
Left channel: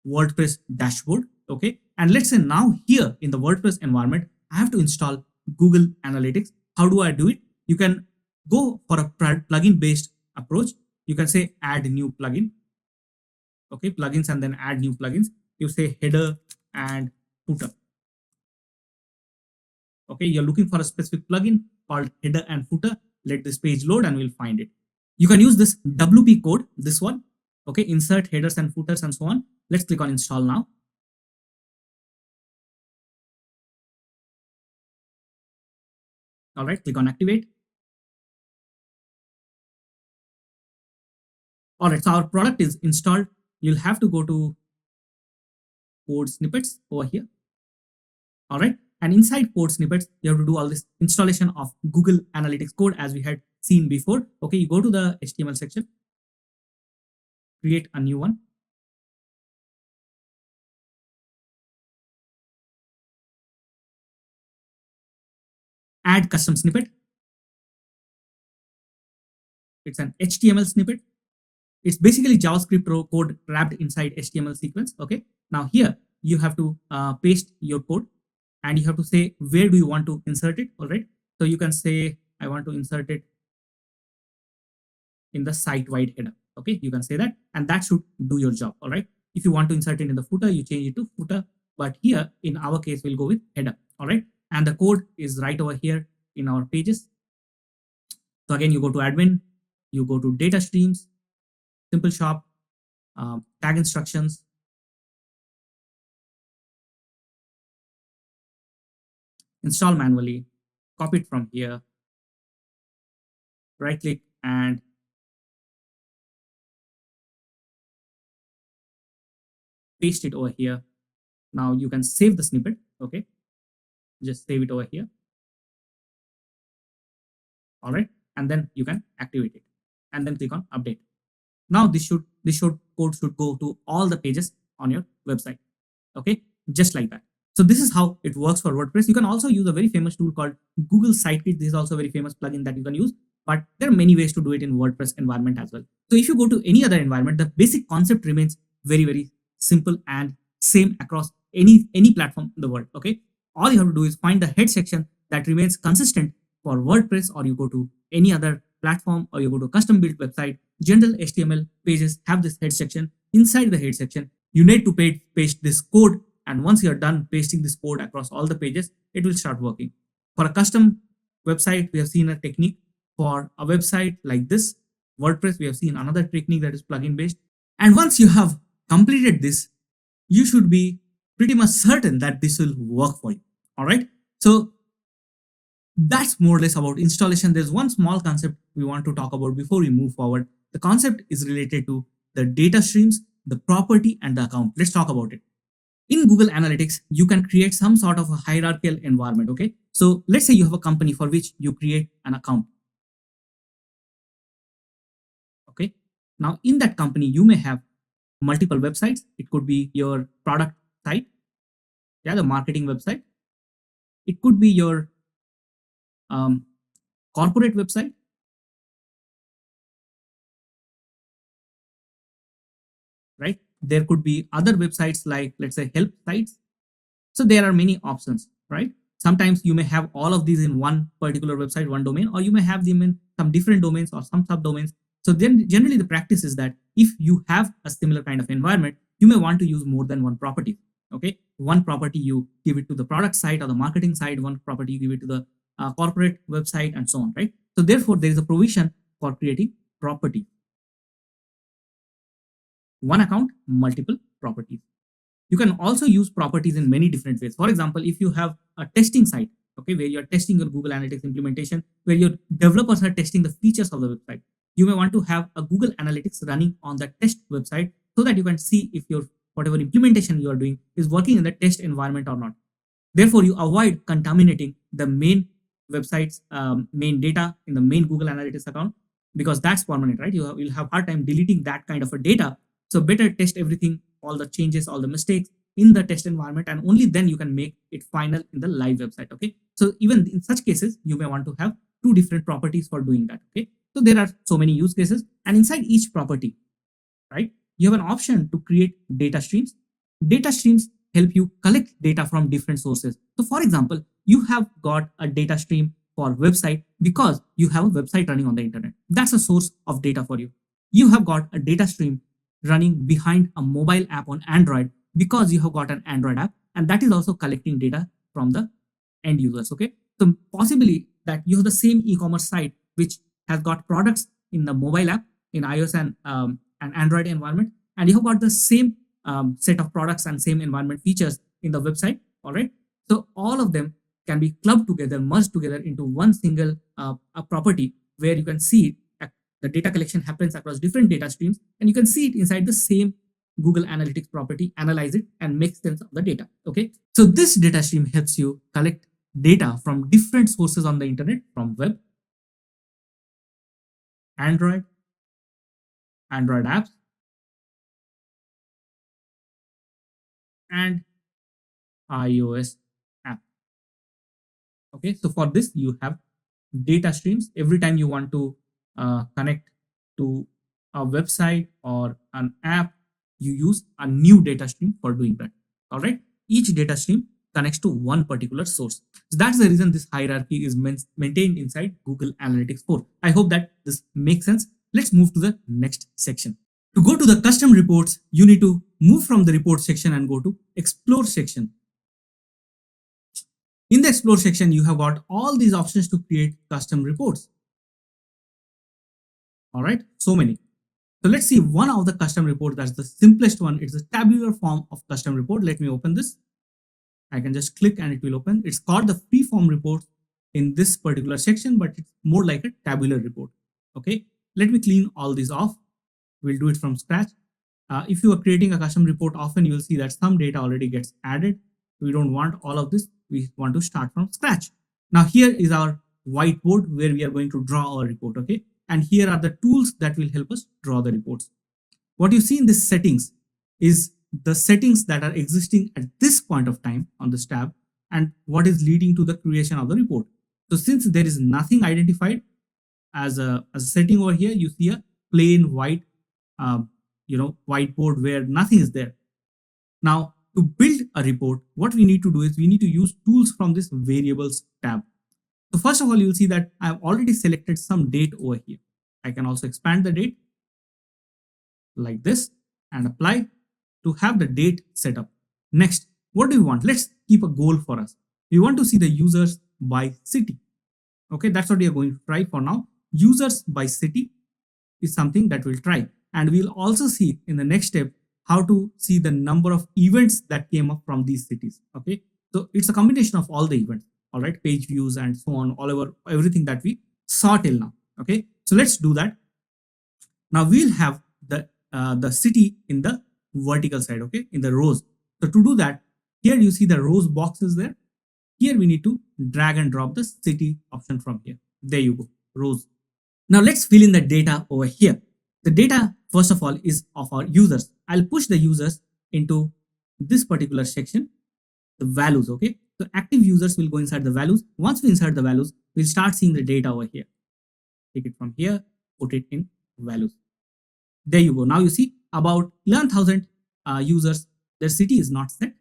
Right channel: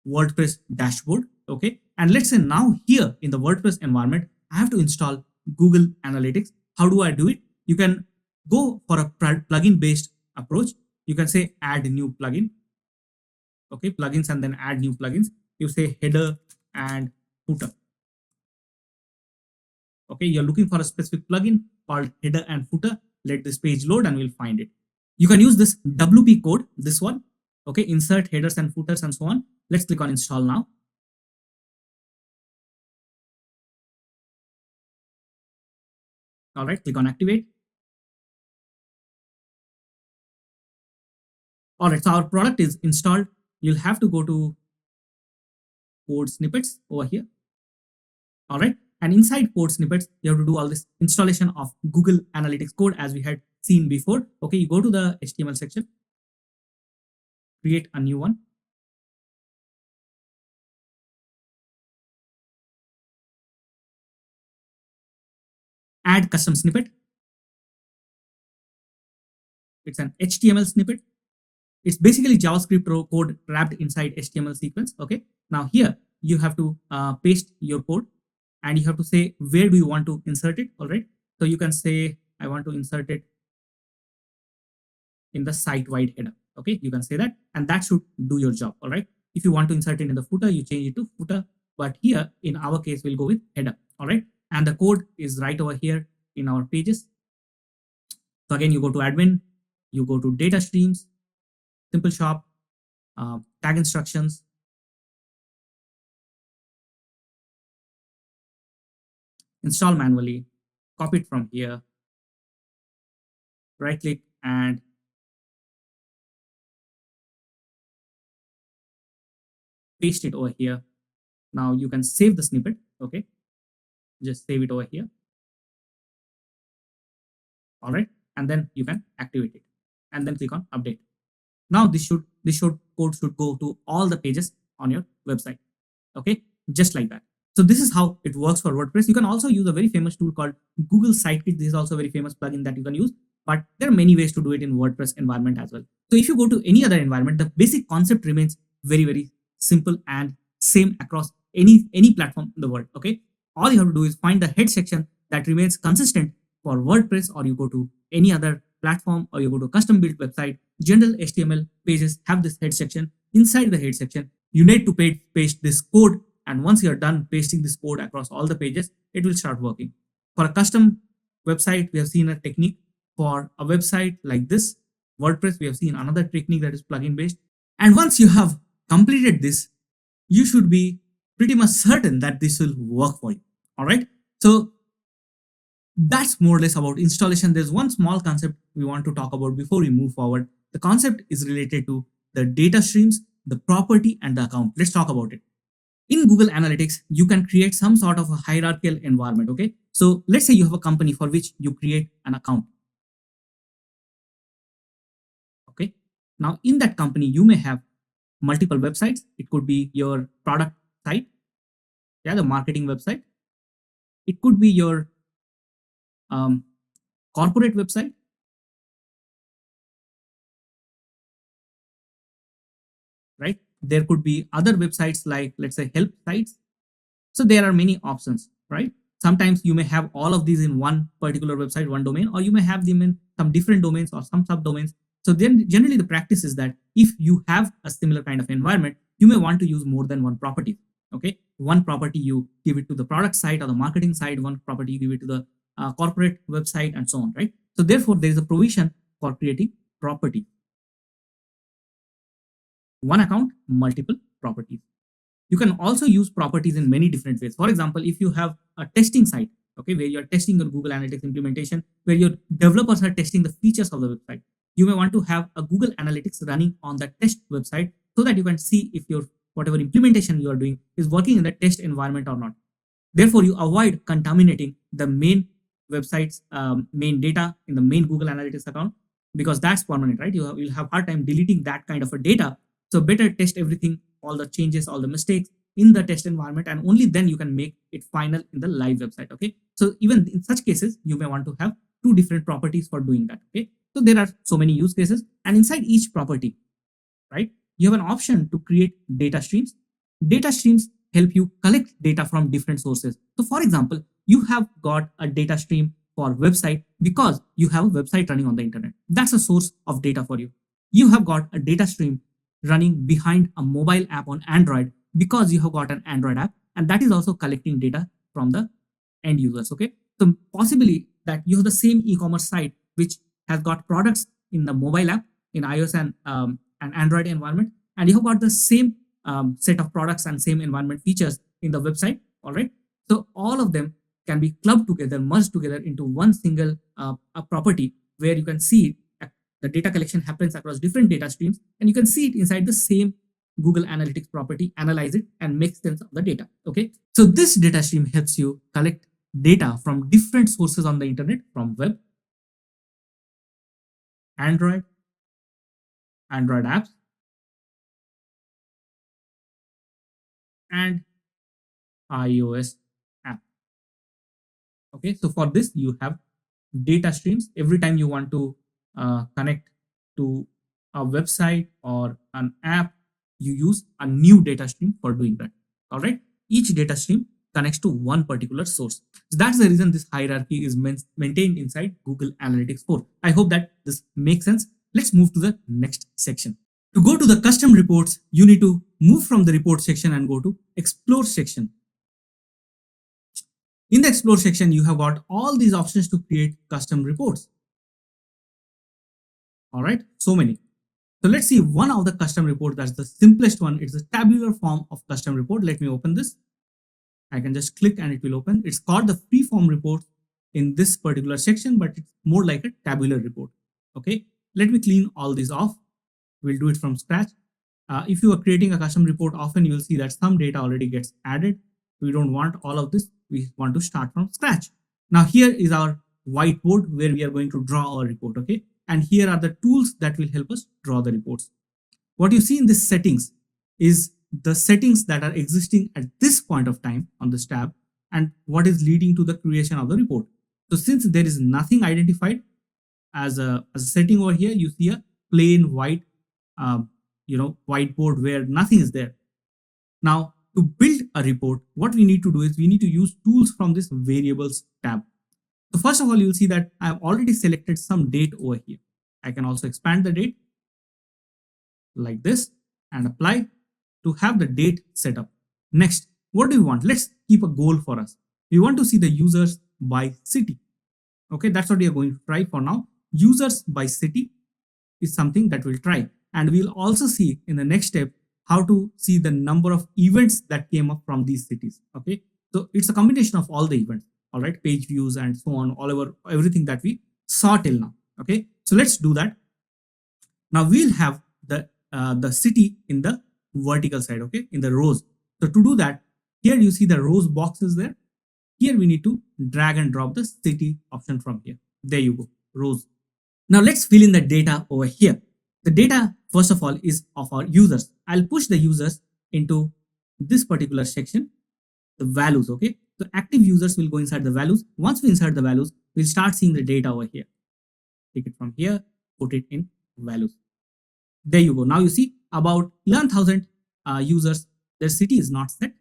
WordPress dashboard. Okay. And let's say now here in the WordPress environment, I have to install Google Analytics. How do I do it? You can go for a plugin based approach. You can say add new plugin. Okay, plugins and then add new plugins. You say header and footer. Okay, you're looking for a specific plugin called header and footer. Let this page load and we'll find it. You can use this WP code, this one. Okay, insert headers and footers and so on. Let's click on install now. All right, click on activate. All right, so our product is installed. You'll have to go to code snippets over here. All right, and inside code snippets, you have to do all this installation of Google Analytics code as we had seen before. Okay, you go to the HTML section, create a new one. Add custom snippet. It's an HTML snippet. It's basically JavaScript code wrapped inside HTML sequence. Okay. Now here you have to paste your code and you have to say where do you want to insert it. All right. So you can say I want to insert it in the site-wide header. Okay, you can say that, and that should do your job. All right. If you want to insert it in the footer, you change it to footer. But here, in our case, we'll go with header. All right, and the code is right over here in our pages. So again, you go to admin, you go to data streams, simple shop, tag instructions, install manually, copy it from here, right click and paste it over here. Now you can save the snippet. Okay, just save it over here. All right, and then you can activate it and then click on update. Now this should code should go to all the pages on your website. Okay, just like that. So this is how it works for WordPress. You can also use a very famous tool called Google Sitekit. This is also a very famous plugin that you can use, but there are many ways to do it in WordPress environment as well. So if you go to any other environment, the basic concept remains very simple and same across any platform in the world. Okay, all you have to do is find the head section that remains consistent for WordPress, or you go to any other platform, or you go to a custom built website. General HTML pages have this head section. Inside the head section, you need to paste this code, and once you're done pasting this code across all the pages, it will start working. For a custom website, we have seen a technique. For a website like this, WordPress, we have seen another technique that is plugin based. And once you have completed this, you should be pretty much certain that this will work for you. All right. So that's more or less about installation. There's one small concept we want to talk about before we move forward. The concept is related to the data streams, the property, and the account. Let's talk about it. In Google Analytics, you can create some sort of a hierarchical environment. Okay, so let's say you have a company for which you create an account. Okay, now in that company, you may have multiple websites. It could be your product site, yeah, the marketing website. It could be your corporate website. Right? There could be other websites like, let's say, help sites. So there are many options, right? Sometimes you may have all of these in one particular website, one domain, or you may have them in some different domains or some subdomains. So then generally the practice is that if you have a similar kind of environment, you may want to use more than one property. Okay, one property you give it to the product side or the marketing side, one property you give it to the corporate website, and so on, right? So therefore there is a provision for creating property. One account, multiple properties. You can also use properties in many different ways. For example, if you have a testing site, okay, where you're testing your Google Analytics implementation, where your developers are testing the features of the website, you may want to have a Google Analytics running on the test website so that you can see if your whatever implementation you are doing is working in the test environment or not. Therefore, you avoid contaminating the main website's main data in the main Google Analytics account, because that's permanent, right? You'll have hard time deleting that kind of a data. So better test everything, all the changes, all the mistakes in the test environment, and only then you can make it final in the live website. Okay. So even in such cases, you may want to have two different properties for doing that. Okay. So there are so many use cases, and inside each property, right, you have an option to create data streams. Data streams help you collect data from different sources. So for example, you have got a data stream for website because you have a website running on the internet. That's a source of data for you. You have got a data stream running behind a mobile app on Android because you have got an Android app, and that is also collecting data from the end users. Okay, so possibly that you have the same e-commerce site which has got products in the mobile app in iOS and an Android environment, and you have got the same set of products and same environment features in the website. All right, so all of them can be clubbed together, merged together into one single property where you can see it. The data collection happens across different data streams, and you can see it inside the same Google Analytics property, analyze it, and make sense of the data. Okay, so this data stream helps you collect data from different sources on the internet, from web, Android, Android apps, and iOS app. Okay, so for this you have data streams. Every time you want to connect to a website or an app, you use a new data stream for doing that. All right, each data stream connects to one particular source. So that's the reason this hierarchy is maintained inside Google Analytics 4. I hope that this makes sense. Let's move to the next section. To go to the custom reports, you need to move from the report section and go to explore section. In the explore section, you have got all these options to create custom reports. All right, so many. So let's see one of the custom report. That's the simplest one. It's a tabular form of custom report. Let me open this. I can just click and it will open. It's called the free form report in this particular section, but it's more like a tabular report. Okay, let me clean all these off. We'll do it from scratch. If you are creating a custom report, often you will see that some data already gets added. We don't want all of this. We want to start from scratch. Now here is our whiteboard where we are going to draw our report. Okay, and here are the tools that will help us draw the reports. What you see in this settings is the settings that are existing at this point of time on this tab and what is leading to the creation of the report. So since there is nothing identified as a setting over here, you see a plain white whiteboard where nothing is there. Now to build a report, what we need to do is we need to use tools from this variables tab. So first of all, you'll see that I've already selected some date over here. I can also expand the date like this and apply to have the date set up. Next, what do we want? Let's keep a goal for us. We want to see the users by city. Okay, that's what we are going to try for now. Users by city is something that we'll try. And we'll also see in the next step how to see the number of events that came up from these cities. Okay, so it's a combination of all the events. All right, page views and so on, all over everything that we saw till now. Okay, so let's do that. Now we'll have the city in the vertical side, okay, in the rows. So to do that, here you see the rows boxes there. Here we need to drag and drop the city option from here. There you go, rows. Now let's fill in the data over here. The data, first of all, is of our users. I'll push the users into this particular section, the values, okay. So active users will go inside the values. Once we insert the values, we'll start seeing the data over here. Take it from here, put it in values. There you go. Now you see about 11,000 users. Their city is not set.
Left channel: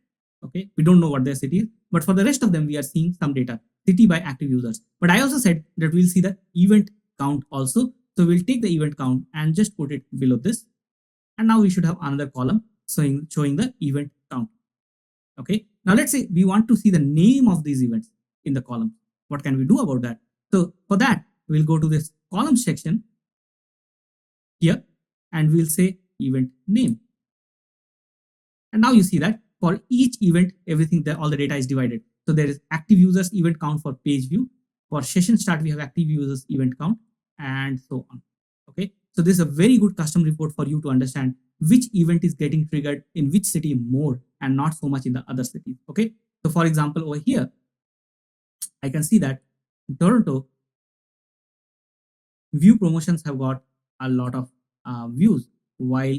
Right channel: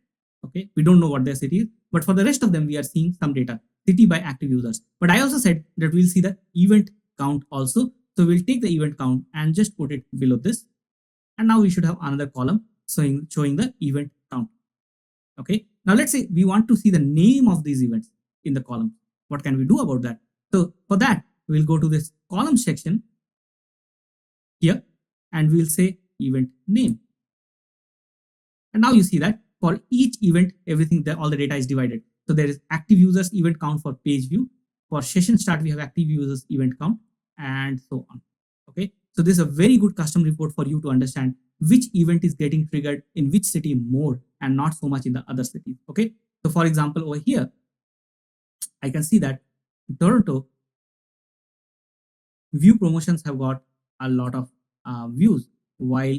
Okay, we don't know what their city is, but for the rest of them, we are seeing some data, city by active users. But I also said that we'll see the event count also. So we'll take the event count and just put it below this. And now we should have another column showing the event count. Okay, now let's say we want to see the name of these events in the column. What can we do about that? So for that, we'll go to this column section here and we'll say event name. And now you see that for each event, everything there, all the data is divided. So there is active users event count for page view. For session start, we have active users event count and so on. Okay, so this is a very good custom report for you to understand which event is getting triggered in which city more and not so much in the other cities. Okay, so for example, over here, I can see that Toronto view promotions have got a lot of views, while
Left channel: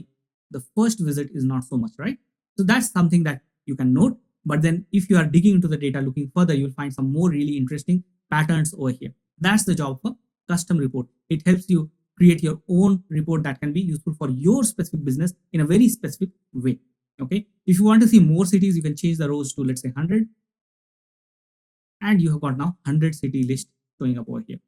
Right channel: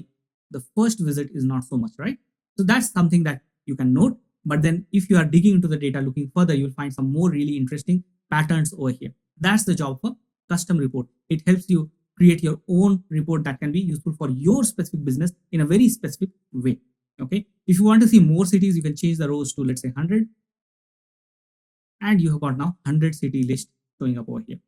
the first visit is not so much, right? So that's something that you can note. But then if you are digging into the data, looking further, you'll find some more really interesting patterns over here. That's the job for custom report. It helps you create your own report that can be useful for your specific business in a very specific way. Okay, if you want to see more cities, you can change the rows to, let's say, 100, and you have got now 100 city list showing up over here.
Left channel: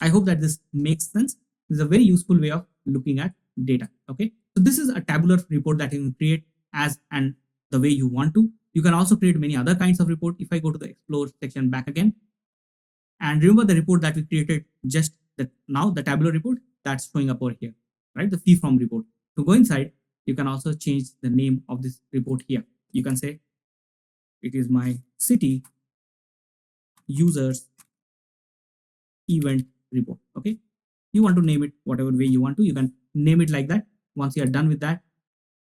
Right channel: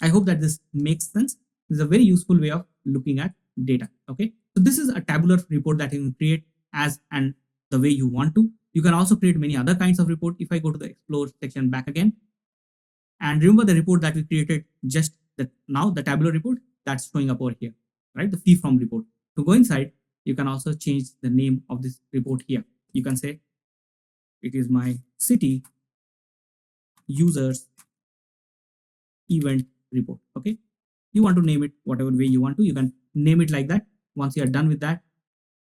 I hope that this makes sense. This is a very useful way of looking at data. Okay, so this is a tabular report that you can create as and the way you want to. You can also create many other kinds of report. If I go to the explore section back again, and remember the report that we created just now, the tabular report that's showing up over here, right? The fee from report. To go inside, you can also change the name of this report here. You can say it is my city users event report. Okay, you want to name it whatever way you want to, you can name it like that. Once you are done with that,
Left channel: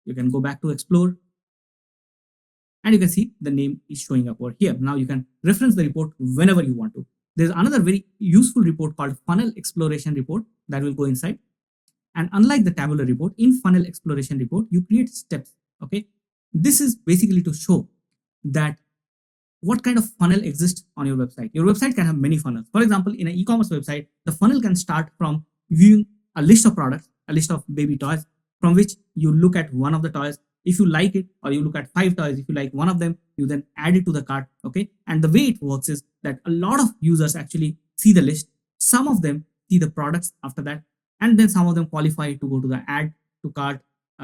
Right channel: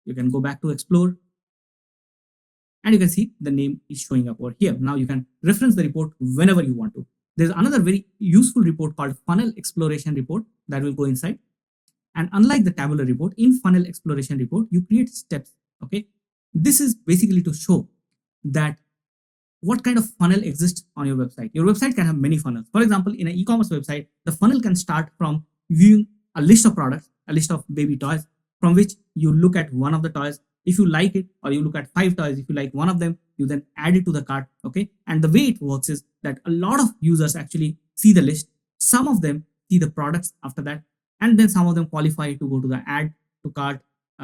you can go back to explore and you can see the name is showing up over here. Now you can reference the report whenever you want to. There's another very useful report called funnel exploration report that will go inside. And unlike the tabular report, in funnel exploration report, you create steps. Okay, this is basically to show that what kind of funnel exists on your website. Your website can have many funnels. For example, in an e-commerce website, the funnel can start from viewing a list of products, a list of baby toys, from which you look at one of the toys. If you like it, or you look at 5 toys, if you like one of them, you then add it to the cart. Okay, and the way it works is that a lot of users actually see the list. Some of them see the products after that, and then some of them qualify to go to the add to cart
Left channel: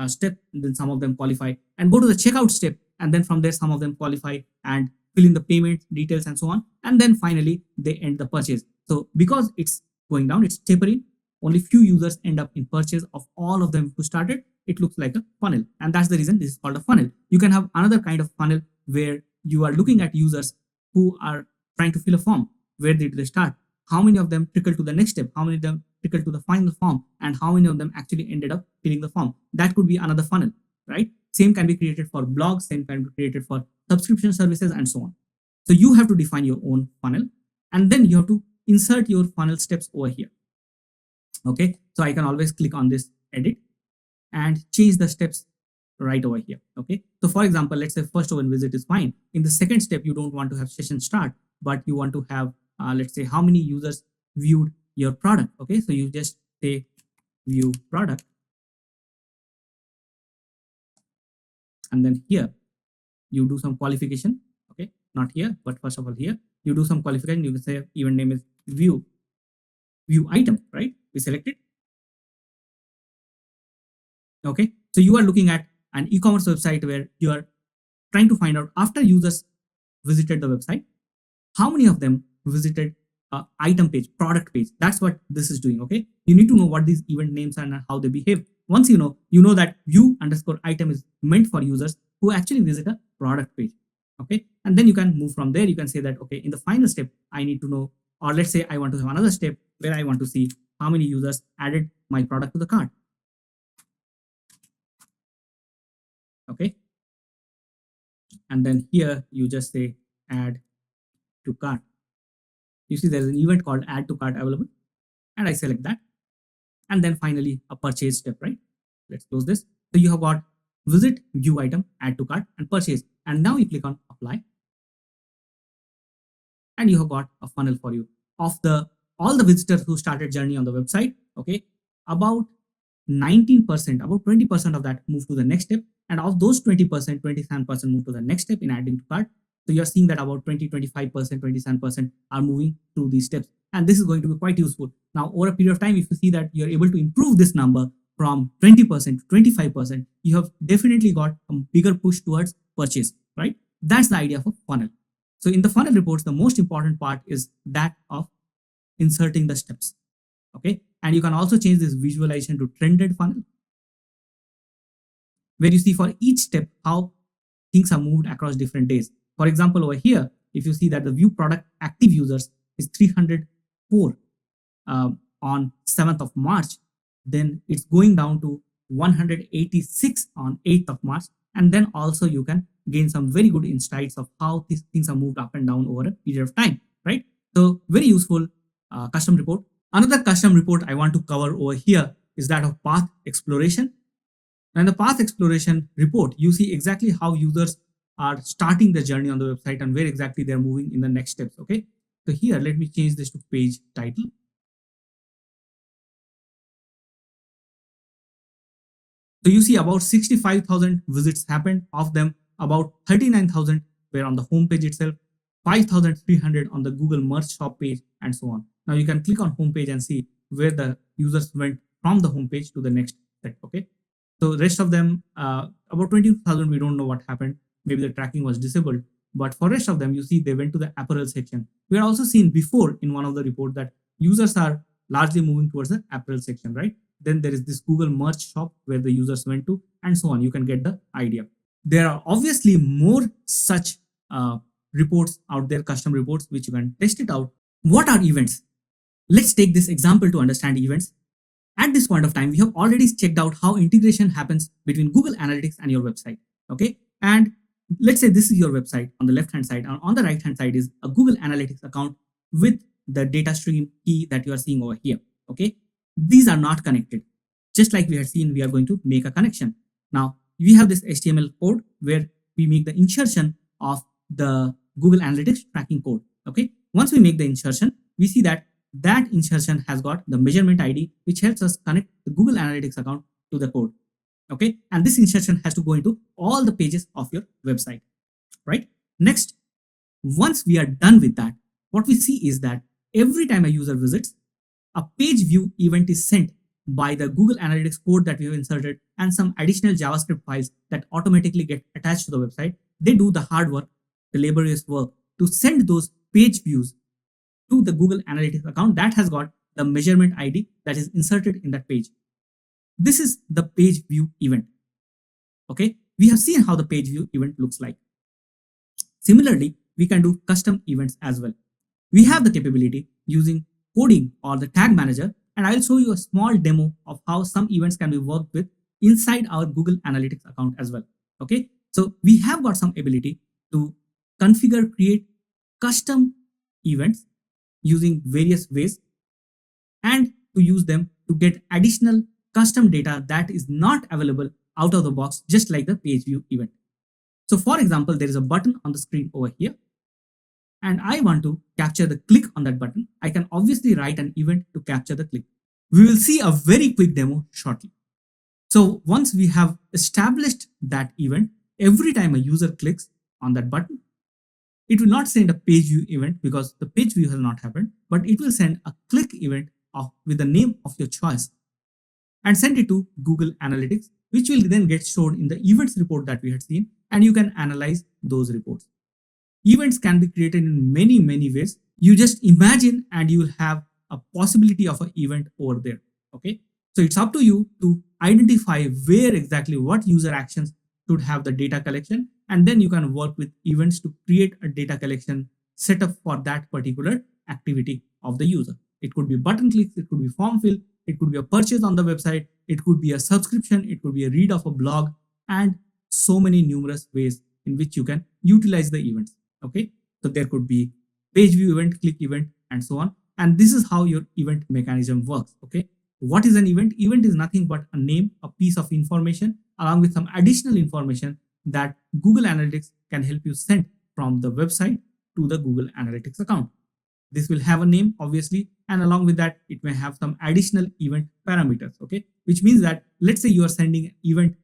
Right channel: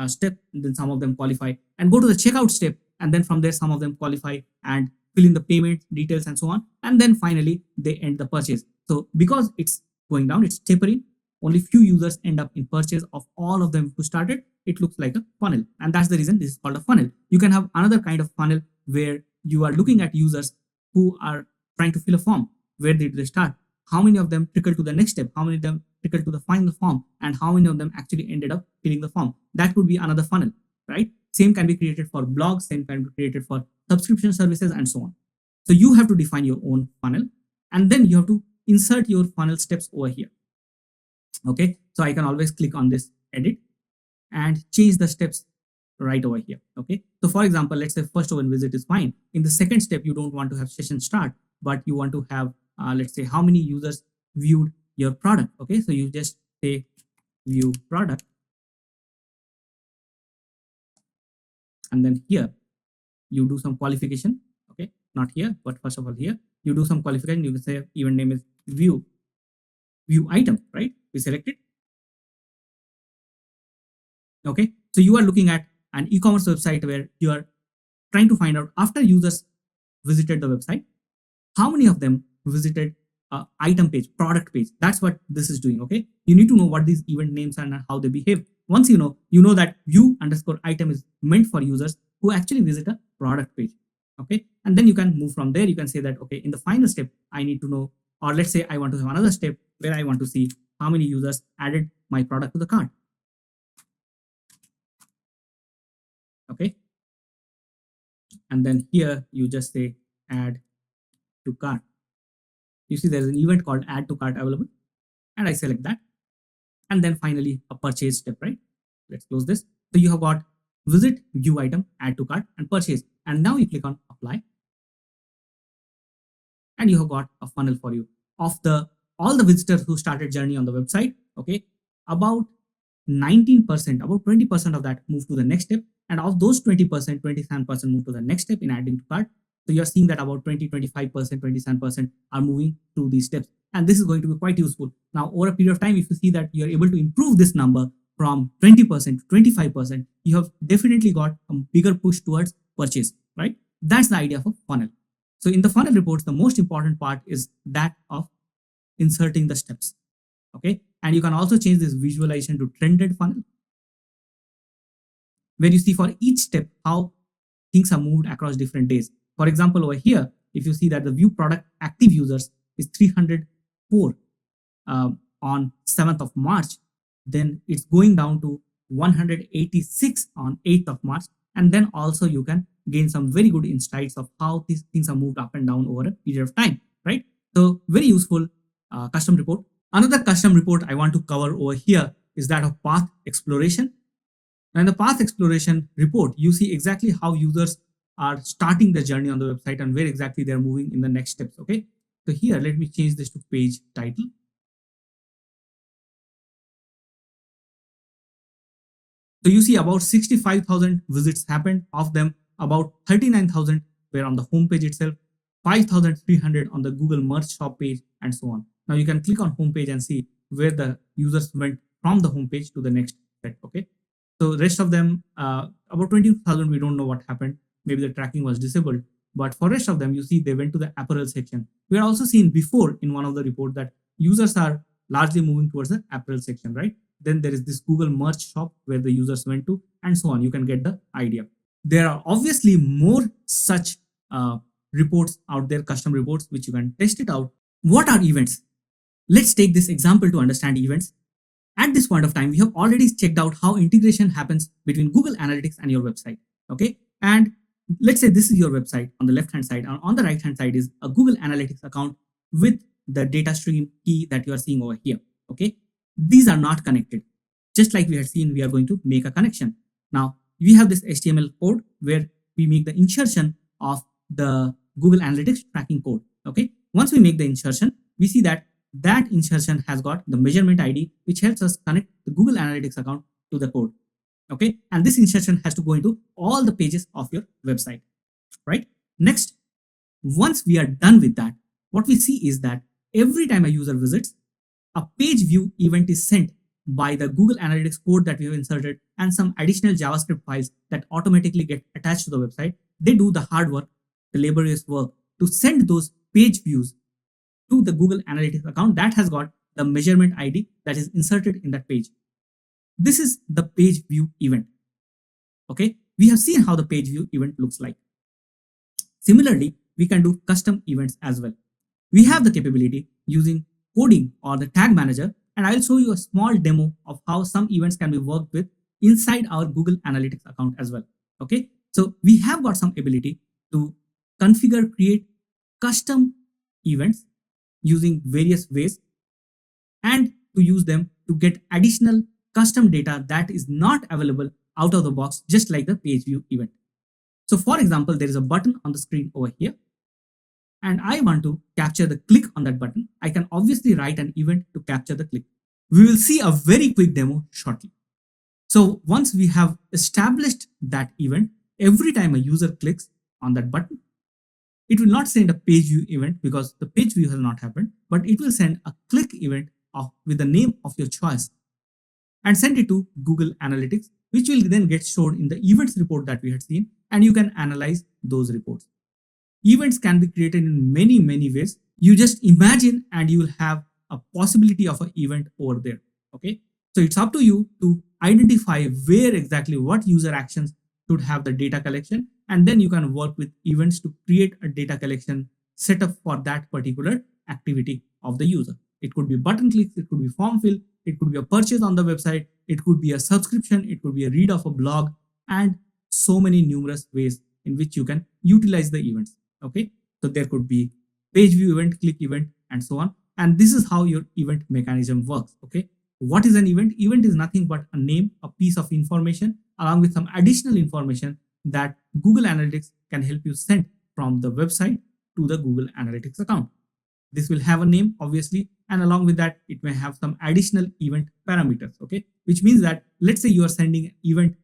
step, then some of them qualify and go to the checkout step, and then from there some of them qualify and fill in the payment details and so on, and then finally they end the purchase. So because it's going down, it's tapering, only few users end up in purchase of all of them who started. It looks like a funnel, and that's the reason this is called a funnel. You can have another kind of funnel where you are looking at users who are trying to fill a form. Where did they start? How many of them trickle to the next step? How many of them trickle to the final form? And how many of them actually ended up filling the form? That could be another funnel, right? Same can be created for blogs, same can be created for subscription services, and so on. So you have to define your own funnel, and then you have to insert your funnel steps over here. Okay, so I can always click on this edit and change the steps right over here. Okay, so for example, let's say first one visit is fine. In the second step, you don't want to have session start, but you want to have let's say how many users viewed your product. Okay, so you just say view product, and then here you do some qualification. Okay, not here, but first of all here you do some qualification. You can say event name is view item, right? We select it. Okay, so you are looking at an e-commerce website where you are trying to find out after users visited the website, how many of them visited item page, product page. That's what this is doing. Okay, you need to know what these event names are and how they behave. Once you know that view underscore item is meant for users who actually visit a product page. Okay, and then you can move from there. You can say that, okay, in the final step I need to know, or let's say I want to have another step where I want to see how many users added my product to the cart. Okay, and then here you just say add to cart. You see there's an event called add to cart available, and I select that, and then finally a purchase step, right? Let's close this. So you have got visit, view item, add to cart, and purchase, and now you click on apply, and you have got a funnel for you of the all the visitors who started journey on the website. Okay, about 19%, about 20% of that move to the next step, and of those 20%, 27% move to the next step in adding to cart. So you're seeing that about 20, 25%, 27% are moving through these steps, and this is going to be quite useful. Now, over a period of time, if you see that you're able to improve this number from 20% to 25%, you have definitely got a bigger push towards purchase, right? That's the idea of a funnel. So in the funnel reports, the most important part is that of inserting the steps. Okay, and you can also change this visualization to trended funnel, where you see for each step how things are moved across different days. For example, over here, if you see that the view product active users is 304 on 7th of March, then it's going down to 186 on 8th of March. And then also you can gain some very good insights of how these things are moved up and down over a period of time, right? So very useful custom report. Another custom report I want to cover over here is that of path exploration. And the path exploration report, you see exactly how users are starting the journey on the website and where exactly they're moving in the next steps. Okay, so here let me change this to page title. So you see about 65,000 visits happened. Of them, about 39,000 were on the home page itself, 5,300 on the Google Merch Shop page, and so on. Now you can click on home page and see where the users went from the home page to the next step. Okay, so rest of them, about 20,000, we don't know what happened. Maybe the tracking was disabled. But for rest of them, you see they went to the apparel section. We had also seen before in one of the reports that users are largely moving towards the apparel section, right? Then there is this Google Merch Shop where the users went to, and so on. You can get the idea. There are obviously more such reports out there, custom reports, which you can test it out. What are events? Let's take this example to understand events. At this point of time, we have already checked out how integration happens between Google Analytics and your website. Okay, and let's say this is your website on the left hand side, and on the right hand side is a Google Analytics account with the data stream key that you are seeing over here. Okay, these are not connected. Just like we had seen, we are going to make a connection. Now we have this HTML code where we make the insertion of the Google Analytics tracking code. Okay, once we make the insertion, we see that that insertion has got the measurement ID, which helps us connect the Google Analytics account to the code. Okay, and this insertion has to go into all the pages of your website, right? Next, once we are done with that, what we see is that every time a user visits, a page view event is sent by the Google Analytics code that we have inserted and some additional JavaScript files that automatically get attached to the website. They do the hard work, the laborious work to send those page views to the Google Analytics account that has got the measurement ID that is inserted in that page. This is the page view event. Okay, we have seen how the page view event looks like. Similarly, we can do custom events as well. We have the capability using coding or the tag manager, and I'll show you a small demo of how some events can be worked with inside our Google Analytics account as well. Okay, so we have got some ability to configure, create custom events using various ways and to use them to get additional custom data that is not available out of the box, just like the page view event. So for example, there is a button on the screen over here, and I want to capture the click on that button. I can obviously write an event to capture the click. We will see a very quick demo shortly. So once we have established that event, every time a user clicks on that button, it will not send a page view event because the page view has not happened, but it will send a click event with the name of your choice and send it to Google Analytics, which will then get stored in the events report that we had seen, and you can analyze those reports. Events can be created in many ways. You just imagine and you will have a possibility of an event over there. Okay, so it's up to you to identify where exactly what user actions should have the data collection, and then you can work with events to create a data collection setup for that particular activity of the user. It could be button click, it could be form fill, it could be a purchase on the website, it could be a subscription, it could be a read of a blog, and so many numerous ways in which you can utilize the events. Okay, so there could be page view event, click event, and so on. And this is how your event mechanism works. Okay, what is an event? Event is nothing but a name, a piece of information, along with some additional information that Google Analytics can help you send from the website to the Google Analytics account. This will have a name, obviously, and along with that, it may have some additional event parameters. Okay, which means that let's say you are sending an event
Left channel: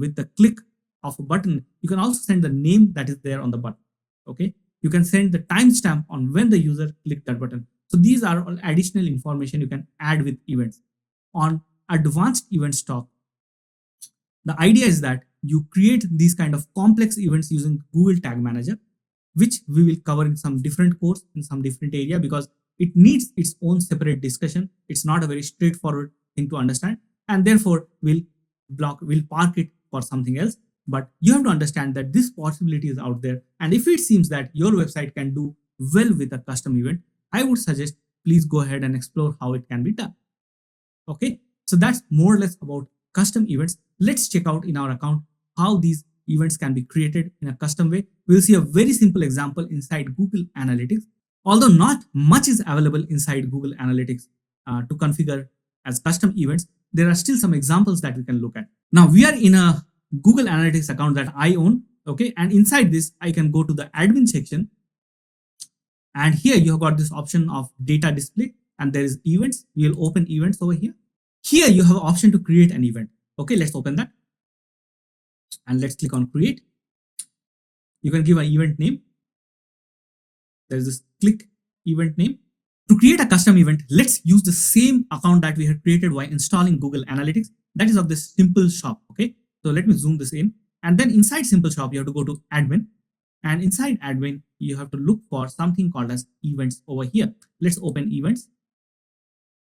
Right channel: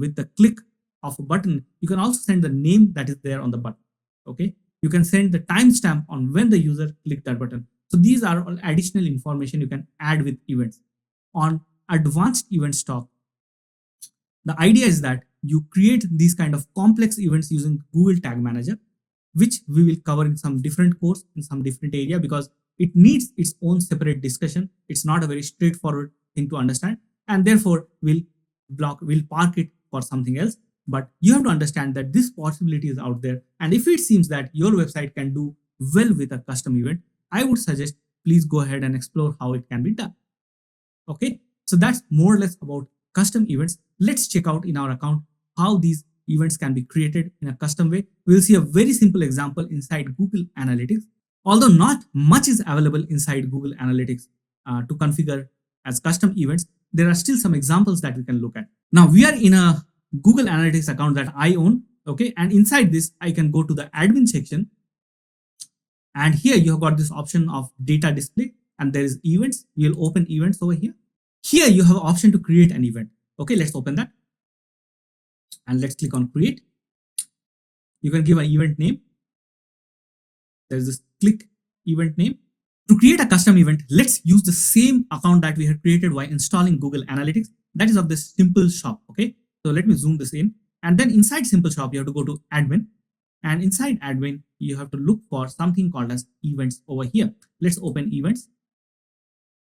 with the click of a button, you can also send the name that is there on the button. Okay, you can send the timestamp on when the user clicked that button. So these are all additional information you can add with events. On advanced event stock, the idea is that you create these kind of complex events using Google Tag Manager, which we will cover in some different course in some different area because it needs its own separate discussion. It's not a very straightforward thing to understand, and therefore we'll park it for something else. But you have to understand that this possibility is out there, and if it seems that your website can do well with a custom event, I would suggest please go ahead and explore how it can be done. Okay, so that's more or less about custom events. Let's check out in our account how these events can be created in a custom way. We'll see a very simple example inside Google Analytics. Although not much is available inside Google Analytics to configure as custom events, there are still some examples that we can look at. Now we are in a Google Analytics account that I own. Okay, and inside this, I can go to the admin section, and here you have got this option of data display, and there is events. You will open events over here. Here you have an option to create an event. Okay, let's open that, and let's click on create. You can give an event name. There's this click event name. To create a custom event, let's use the same account that we had created while installing Google Analytics. That is of this simple shop. Okay, so let me zoom this in, and then inside simple shop you have to go to admin, and inside admin you have to look for something called as events over here. Let's open events,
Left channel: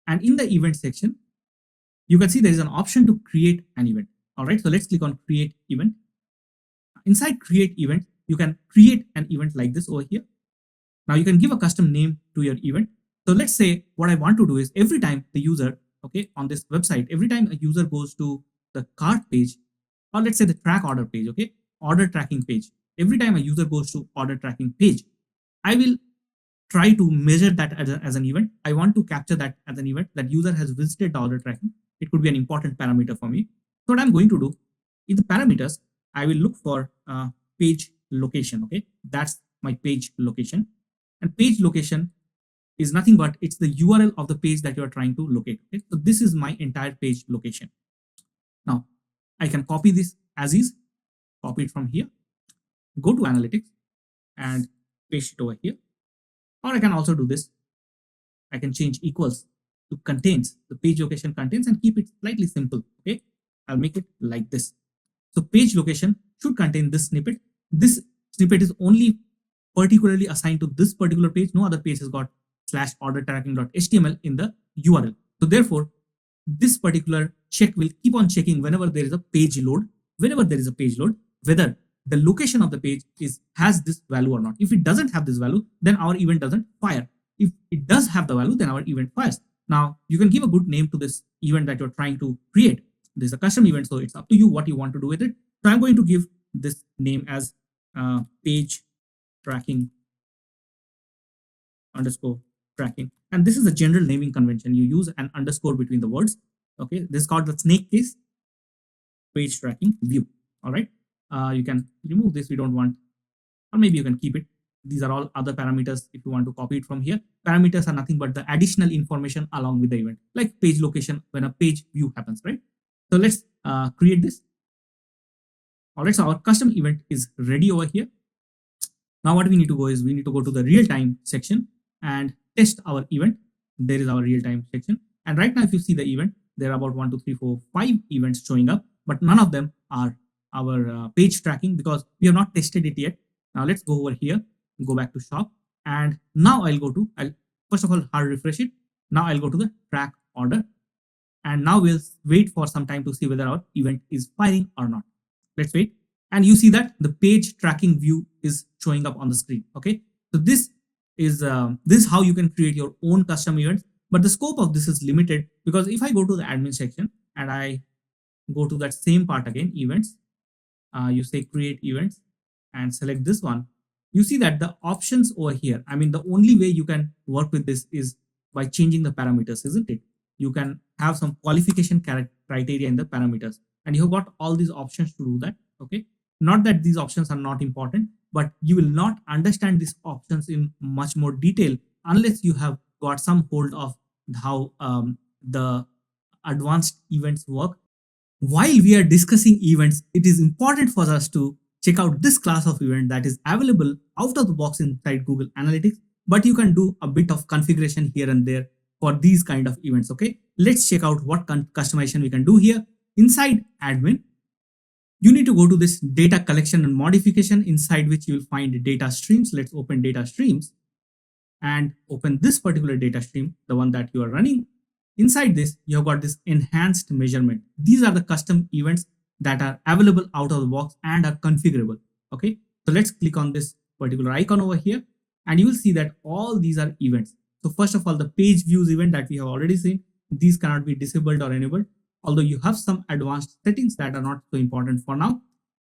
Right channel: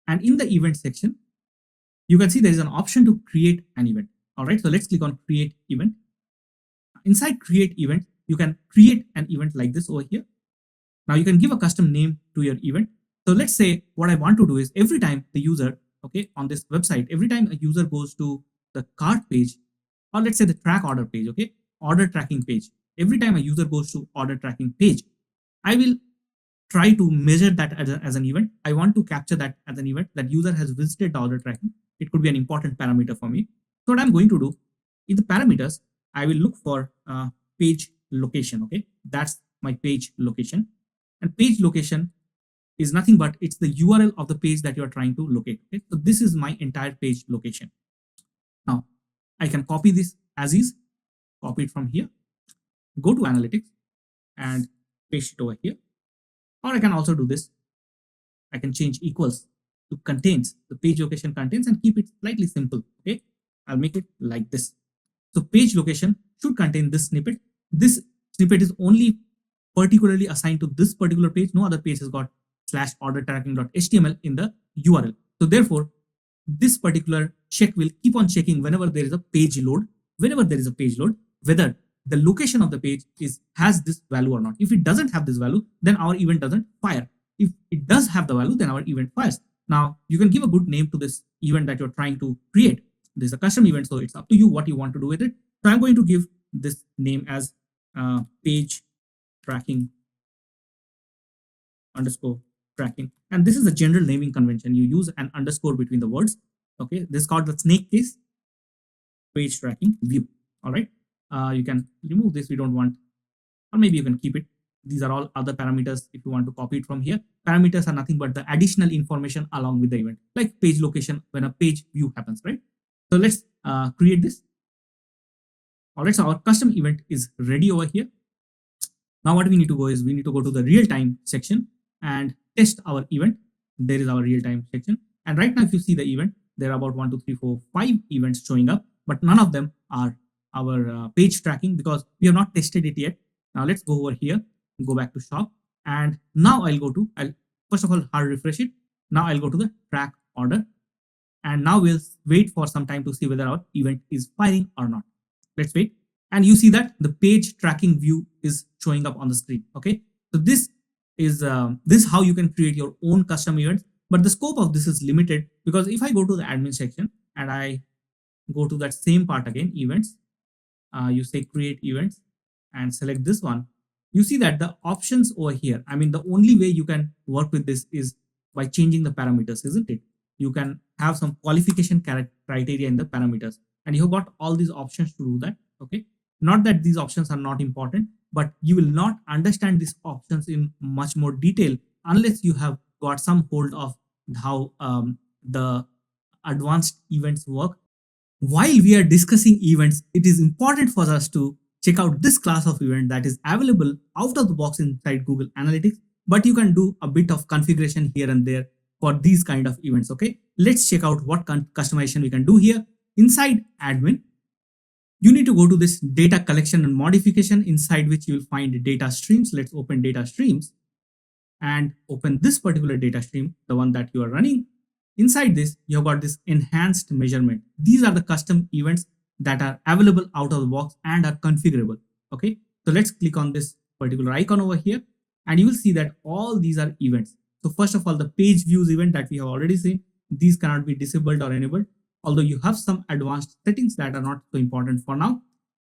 and in the event section you can see there is an option to create an event. All right, so let's click on create event. Inside create event, you can create an event like this over here. Now you can give a custom name to your event. So let's say what I want to do is every time the user, okay, on this website, every time a user goes to the cart page, or let's say the track order page, okay, order tracking page, every time a user goes to order tracking page, I will try to measure that as an event. I want to capture that as an event that user has visited the order tracking. It could be an important parameter for me. So what I'm going to do in the parameters, I will look for page location. Okay, that's my page location, and page location is nothing but it's the URL of the page that you're trying to locate. Okay? So this is my entire page location. Now I can copy this as is, copy it from here, go to analytics and paste it over here. Or I can also do this. I can change equals to contains, the page location contains, and keep it slightly simple. Okay, I'll make it like this. So page location should contain this snippet. This snippet is only particularly assigned to this particular page. No other page has got slash order tracking.html in the URL. So therefore, this particular check will keep on checking whenever there is a page load, whether the location of the page has this value or not. If it doesn't have this value, then our event doesn't fire. If it does have the value, then our event fires. Now you can give a good name to this event that you're trying to create. This is a custom event, so it's up to you what you want to do with it. So I'm going to give this name as page tracking underscore tracking, and this is the general naming convention. You use an underscore between the words. Okay, this is called the snake case page tracking view. All right, you can remove this, we don't want, or maybe you can keep it. These are all other parameters if you want to copy it from here. Parameters are nothing but the additional information along with the event, like page location when a page view happens, right? So let's create this. All right, so our custom event is ready over here. Now what we need to go is we need to go to the real-time section and test our event. There is our real-time section, and right now if you see the event, there are about 1, 2, 3, 4, 5 events showing up, but none of them are our page tracking because we have not tested it yet. Now let's go over here, go back to shop, and now I'll first of all hard refresh it. Now I'll go to the track order, and now we'll wait for some time to see whether our event is firing or not. Let's wait, and you see that the page tracking view is showing up on the screen. Okay, so this is how you can create your own custom events, but the scope of this is limited because if I go to the admin section and I go to that same part again, events, you say create events and select this one, you see that the options over here, I mean, the only way you can work with this is by changing the parameters, isn't it? You can have some qualification criteria in the parameters, and you've got all these options to do that. Okay, not that these options are not important, but you will not understand these options in much more detail unless you have got some hold of how the advanced events work. While we are discussing events, it is important for us to check out this class of event that is available out of the box inside Google Analytics, but you can do a bit of configuration here and there for these kind of events. Okay, let's check out what customization we can do here. Inside admin, you need to go to this data collection and modification, inside which you will find data streams. Let's open data streams and open this particular data stream, the one that you are running. Inside this, you have got this enhanced measurement. These are the custom events that are available out of the box and are configurable. Okay, so let's click on this particular icon over here, and you will see that all these are events. So first of all, the page views event that we have already seen, these cannot be disabled or enabled, although you have some advanced settings that are not so important for now.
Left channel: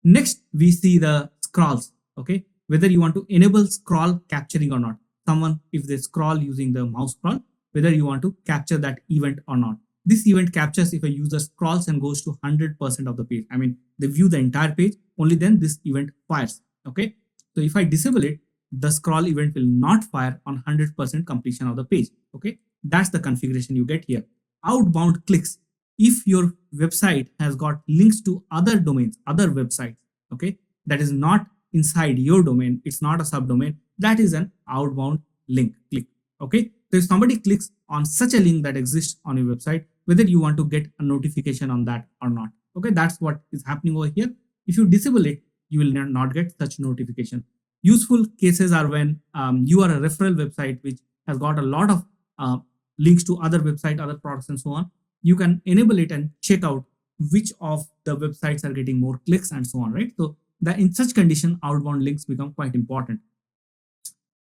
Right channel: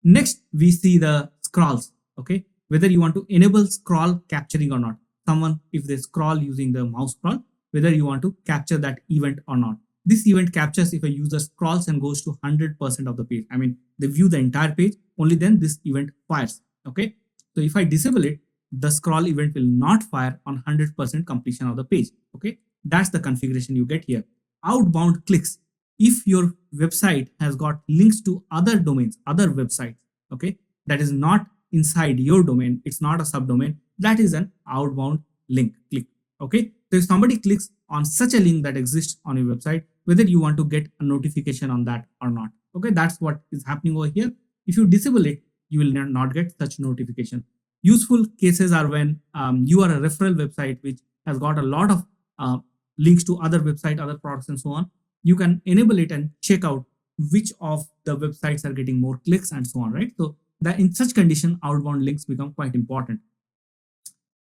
Next, we see the scrolls. Okay, whether you want to enable scroll capturing or not. Someone, if they scroll using the mouse scroll, whether you want to capture that event or not. This event captures if a user scrolls and goes to 100% of the page. I mean, they view the entire page, only then this event fires. Okay, so if I disable it, the scroll event will not fire on 100% completion of the page. Okay, that's the configuration you get here. Outbound clicks. If your website has got links to other domains, other websites, okay, that is not inside your domain, it's not a subdomain, that is an outbound link click. Okay, so if somebody clicks on such a link that exists on your website, whether you want to get a notification on that or not. Okay, that's what is happening over here. If you disable it, you will not get such notification. Useful cases are when you are a referral website which has got a lot of links to other websites, other products, and so on. You can enable it and check out which of the websites are getting more clicks and so on, right? So that in such condition, outbound links become quite important.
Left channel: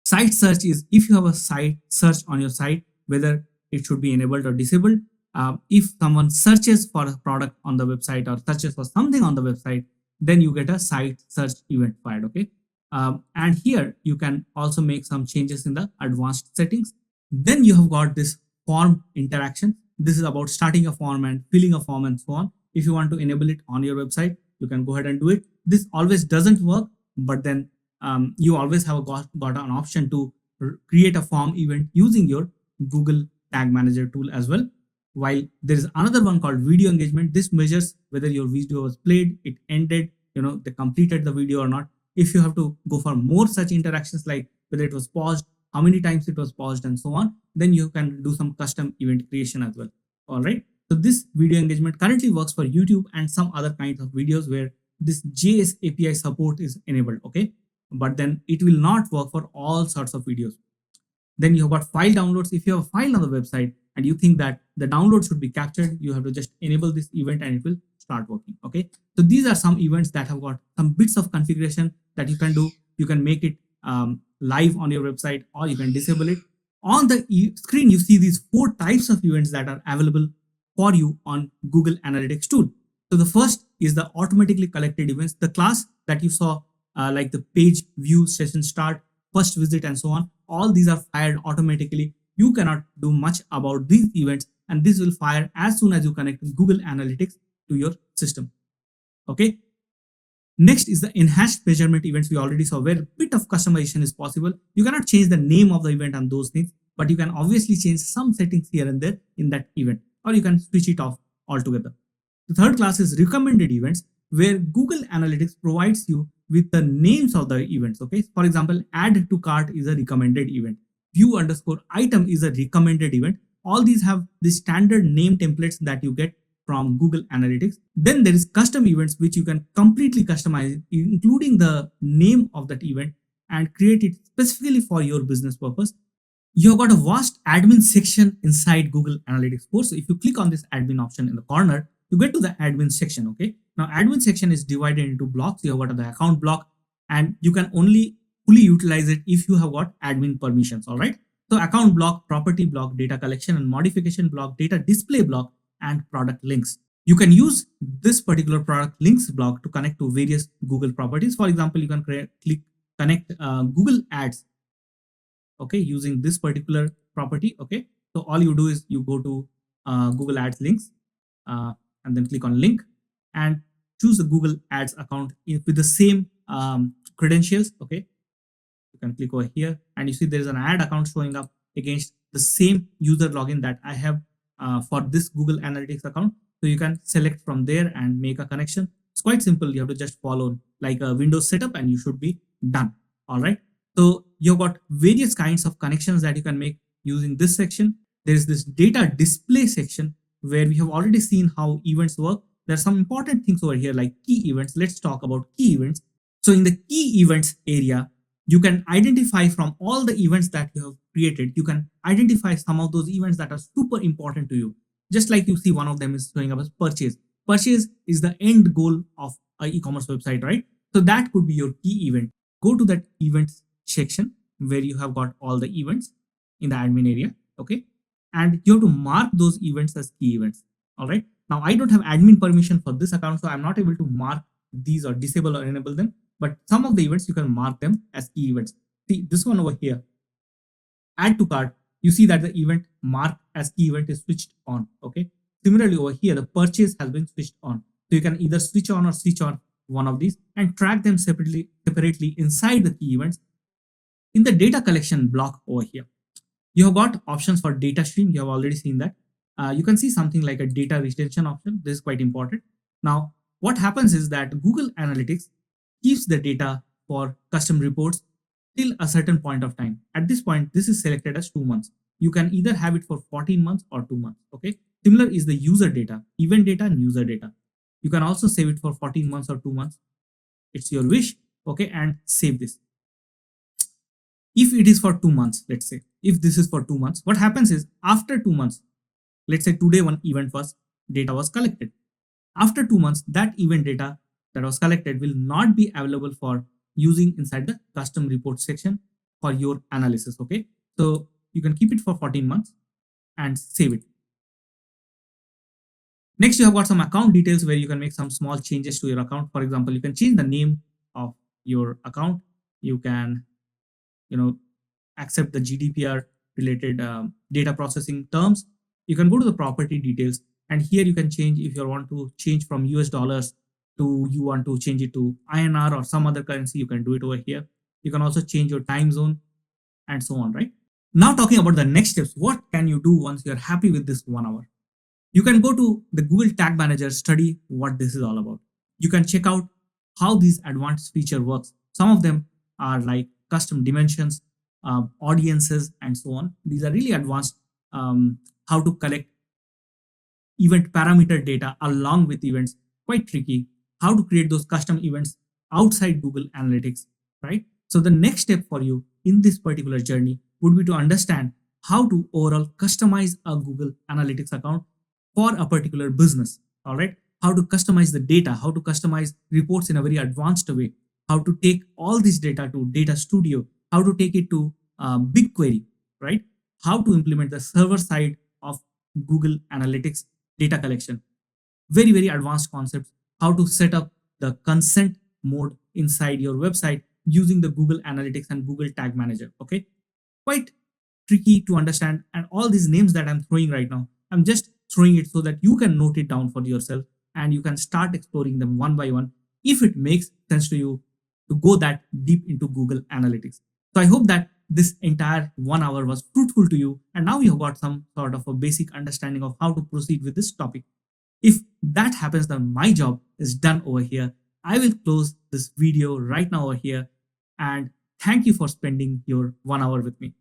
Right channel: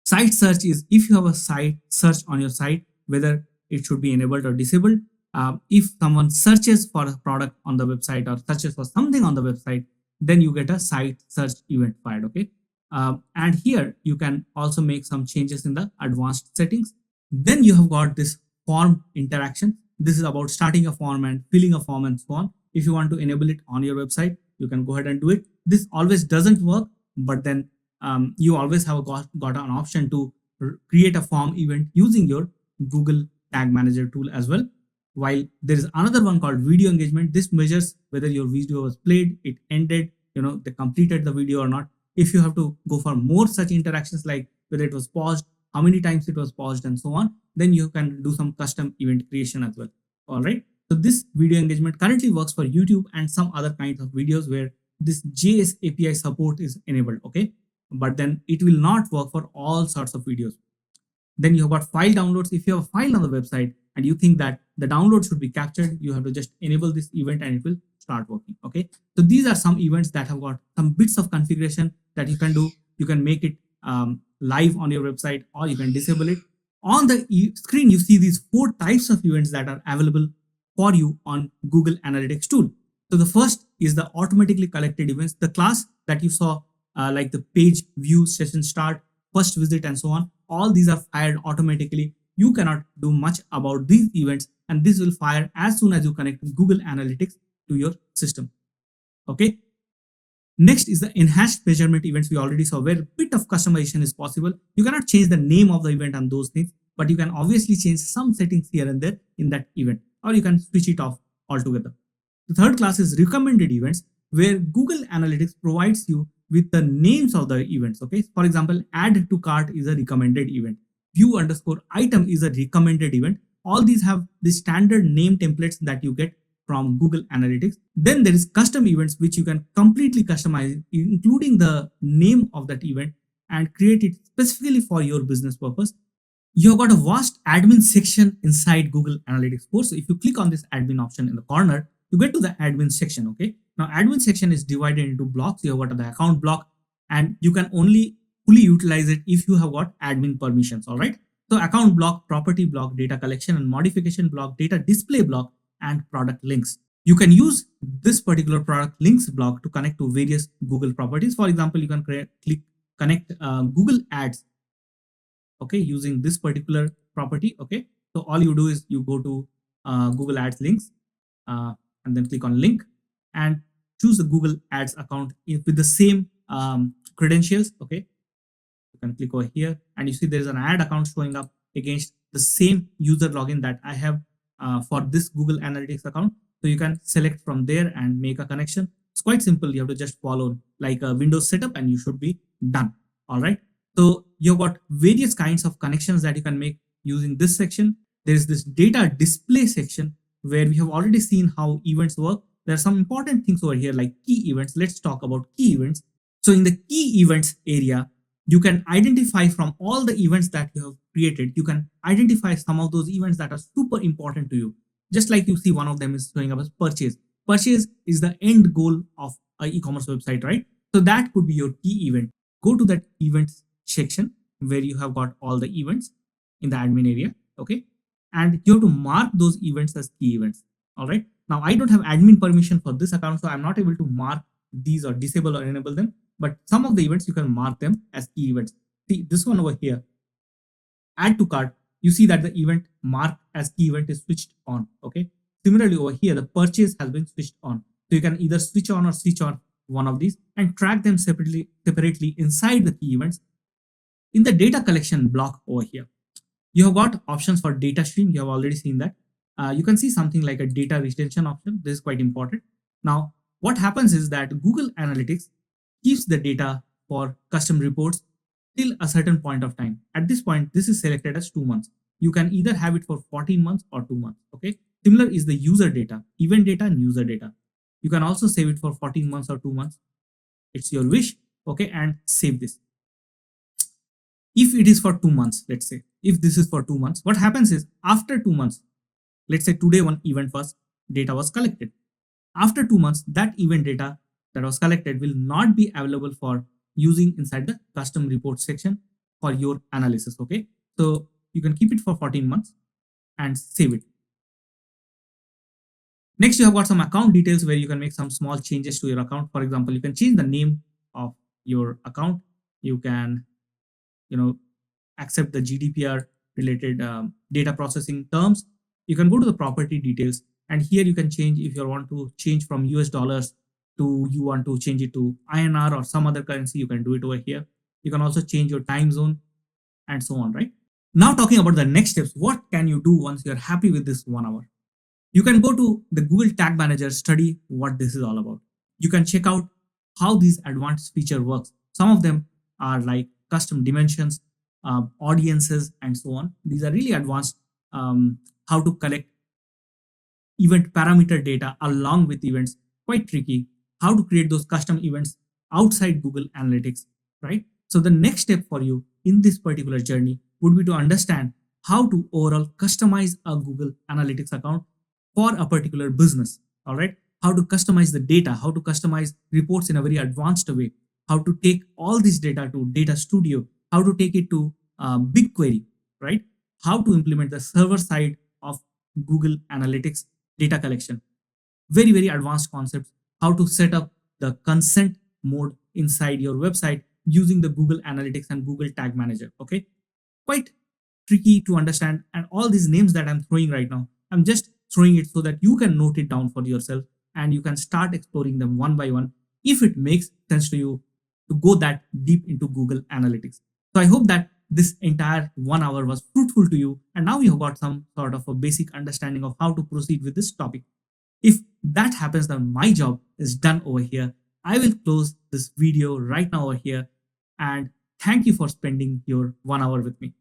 Site search is if you have a site search on your site, whether it should be enabled or disabled. If someone searches for a product on the website or searches for something on the website, then you get a site search event fired. Okay, and here you can also make some changes in the advanced settings. Then you have got this form interaction. This is about starting a form and filling a form and so on. If you want to enable it on your website, you can go ahead and do it. This always doesn't work, but then you always have got an option to create a form event using your Google Tag Manager tool as well. While there is another one called video engagement. This measures whether your video was played, it ended, they completed the video or not. If you have to go for more such interactions, like whether it was paused, how many times it was paused, and so on, then you can do some custom event creation as well. All right. So this video engagement currently works for YouTube and some other kinds of videos where this JS API support is enabled. Okay. But then it will not work for all sorts of videos. Then you have got file downloads. If you have a file on the website and you think that the download should be captured, you have to just enable this event and it will start working. Okay. So these are some events that have got some bits of configuration that you can do. You can make it live on your website or you can disable it. On the screen, you see these 4 types of events that are available for you on Google Analytics tool. So the first is the automatically collected events, the class that you saw, like the page view, session start, first visit, and so on. All these are fired automatically. You cannot do much about these events, and this will fire as soon as you connect Google Analytics to your system. Okay. Next is the enhanced measurement events we already saw, where a bit of customization is possible. You cannot change the name of the event and those things, but you can obviously change some settings here and there in that event, or you can switch it off altogether. The third class is recommended events, where Google Analytics provides you with the names of the events. Okay, for example, add to cart is a recommended event, view underscore item is a recommended event. All these have the standard name templates that you get from Google Analytics. Then there is custom events, which you can completely customize, including the name of that event, and create it specifically for your business purpose. You've got a vast admin section inside Google Analytics 4. So if you click on this admin option in the corner, you get to the admin section. Okay. Now admin section is divided into blocks. You have got the account block, and you can only fully utilize it if you have got admin permissions. All right. So account block, property block, data collection and modification block, data display block, and product links. You can use this particular product links block to connect to various Google properties. For example, you can connect Google Ads, okay, using this particular property. Okay, so all you do is you go to Google Ads links, and then click on link and choose the Google Ads account with the same credentials. Okay, you can click over here and you see there is an ad account showing up against the same user login that I have for this Google Analytics account. So you can select from there and make a connection. It's quite simple. You have to just follow like a Windows setup and you should be done. All right. So you've got various kinds of connections that you can make using this section. There is this data display section where we have already seen how events work. There are some important things over here like key events. Let's talk about key events. So in the key events area, you can identify from all the events that you have created, you can identify some of those events that are super important to you. Just like you see, one of them is showing up as purchase. Purchase is the end goal of an e-commerce website, right? So that could be your key event. Go to that events section where you have got all the events in the admin area. Okay. And you have to mark those events as key events. All right. Now I don't have admin permission for this account, so I'm not able to mark these or disable or enable them. But some of the events you can mark them as key events. See this one over here, add to cart. You see that the event marked as key event is switched on. Okay. Similarly over here, the purchase has been switched on. So you can either switch on or switch on one of these and track them separately inside the key events. In the data collection block over here, you have got options for data stream. You have already seen that. You can see something like a data retention option. This is quite important. Now, what happens is that Google Analytics keeps the data for custom reports till a certain point of time. At this point, this is selected as 2 months. You can either have it for 14 months or 2 months. Okay. Similar is the user data, event data and user data. You can also save it for 14 months or 2 months. It's your wish. Okay. And save this. If it is for 2 months, let's say, if this is for 2 months, what happens is after 2 months, let's say today one event was data was collected. After 2 months, that event data that was collected will not be available for using inside the custom report section for your analysis. Okay. So you can keep it for 14 months and save it. Next, you have got some account details where you can make some small changes to your account. For example, you can change the name of your account. You can, accept the GDPR related data processing terms. You can go to the property details, and here you can change if you want to change from US dollars to you want to change it to INR or some other currency. You can do it over here. You can also change your time zone and so on, right? Now talking about the next steps, what can you do once you're happy with this 1 hour? You can go to the Google Tag Manager, study what this is all about. You can check out how these advanced feature works. Some of them are like custom dimensions, audiences, and so on. These are really advanced. How to collect event parameter data along with events, quite tricky. How to create those custom events outside Google Analytics, right? So the next step for you in this particular journey would be to understand how to overall customize a Google Analytics account for a particular business. All right, how to customize the data, how to customize reports in a very advanced way, how to take all this data to Data Studio, how to take it to BigQuery, right? How to implement the server side of Google Analytics data collection. Very, very advanced concepts. How to set up the consent mode inside your website using the Google Analytics and Google Tag Manager. Okay, quite tricky to understand. And all these names that I'm throwing right now, I'm just throwing it so that you can note it down for yourself and you can start exploring them one by one if it makes sense to you to go that deep into Google Analytics. So I hope that this entire 1 hour was fruitful to you, and now you have got some sort of a basic understanding of how to proceed with this topic. If that happens, then my job is done over here. I will close this video right now over here, and thank you for spending your 1 hour with me.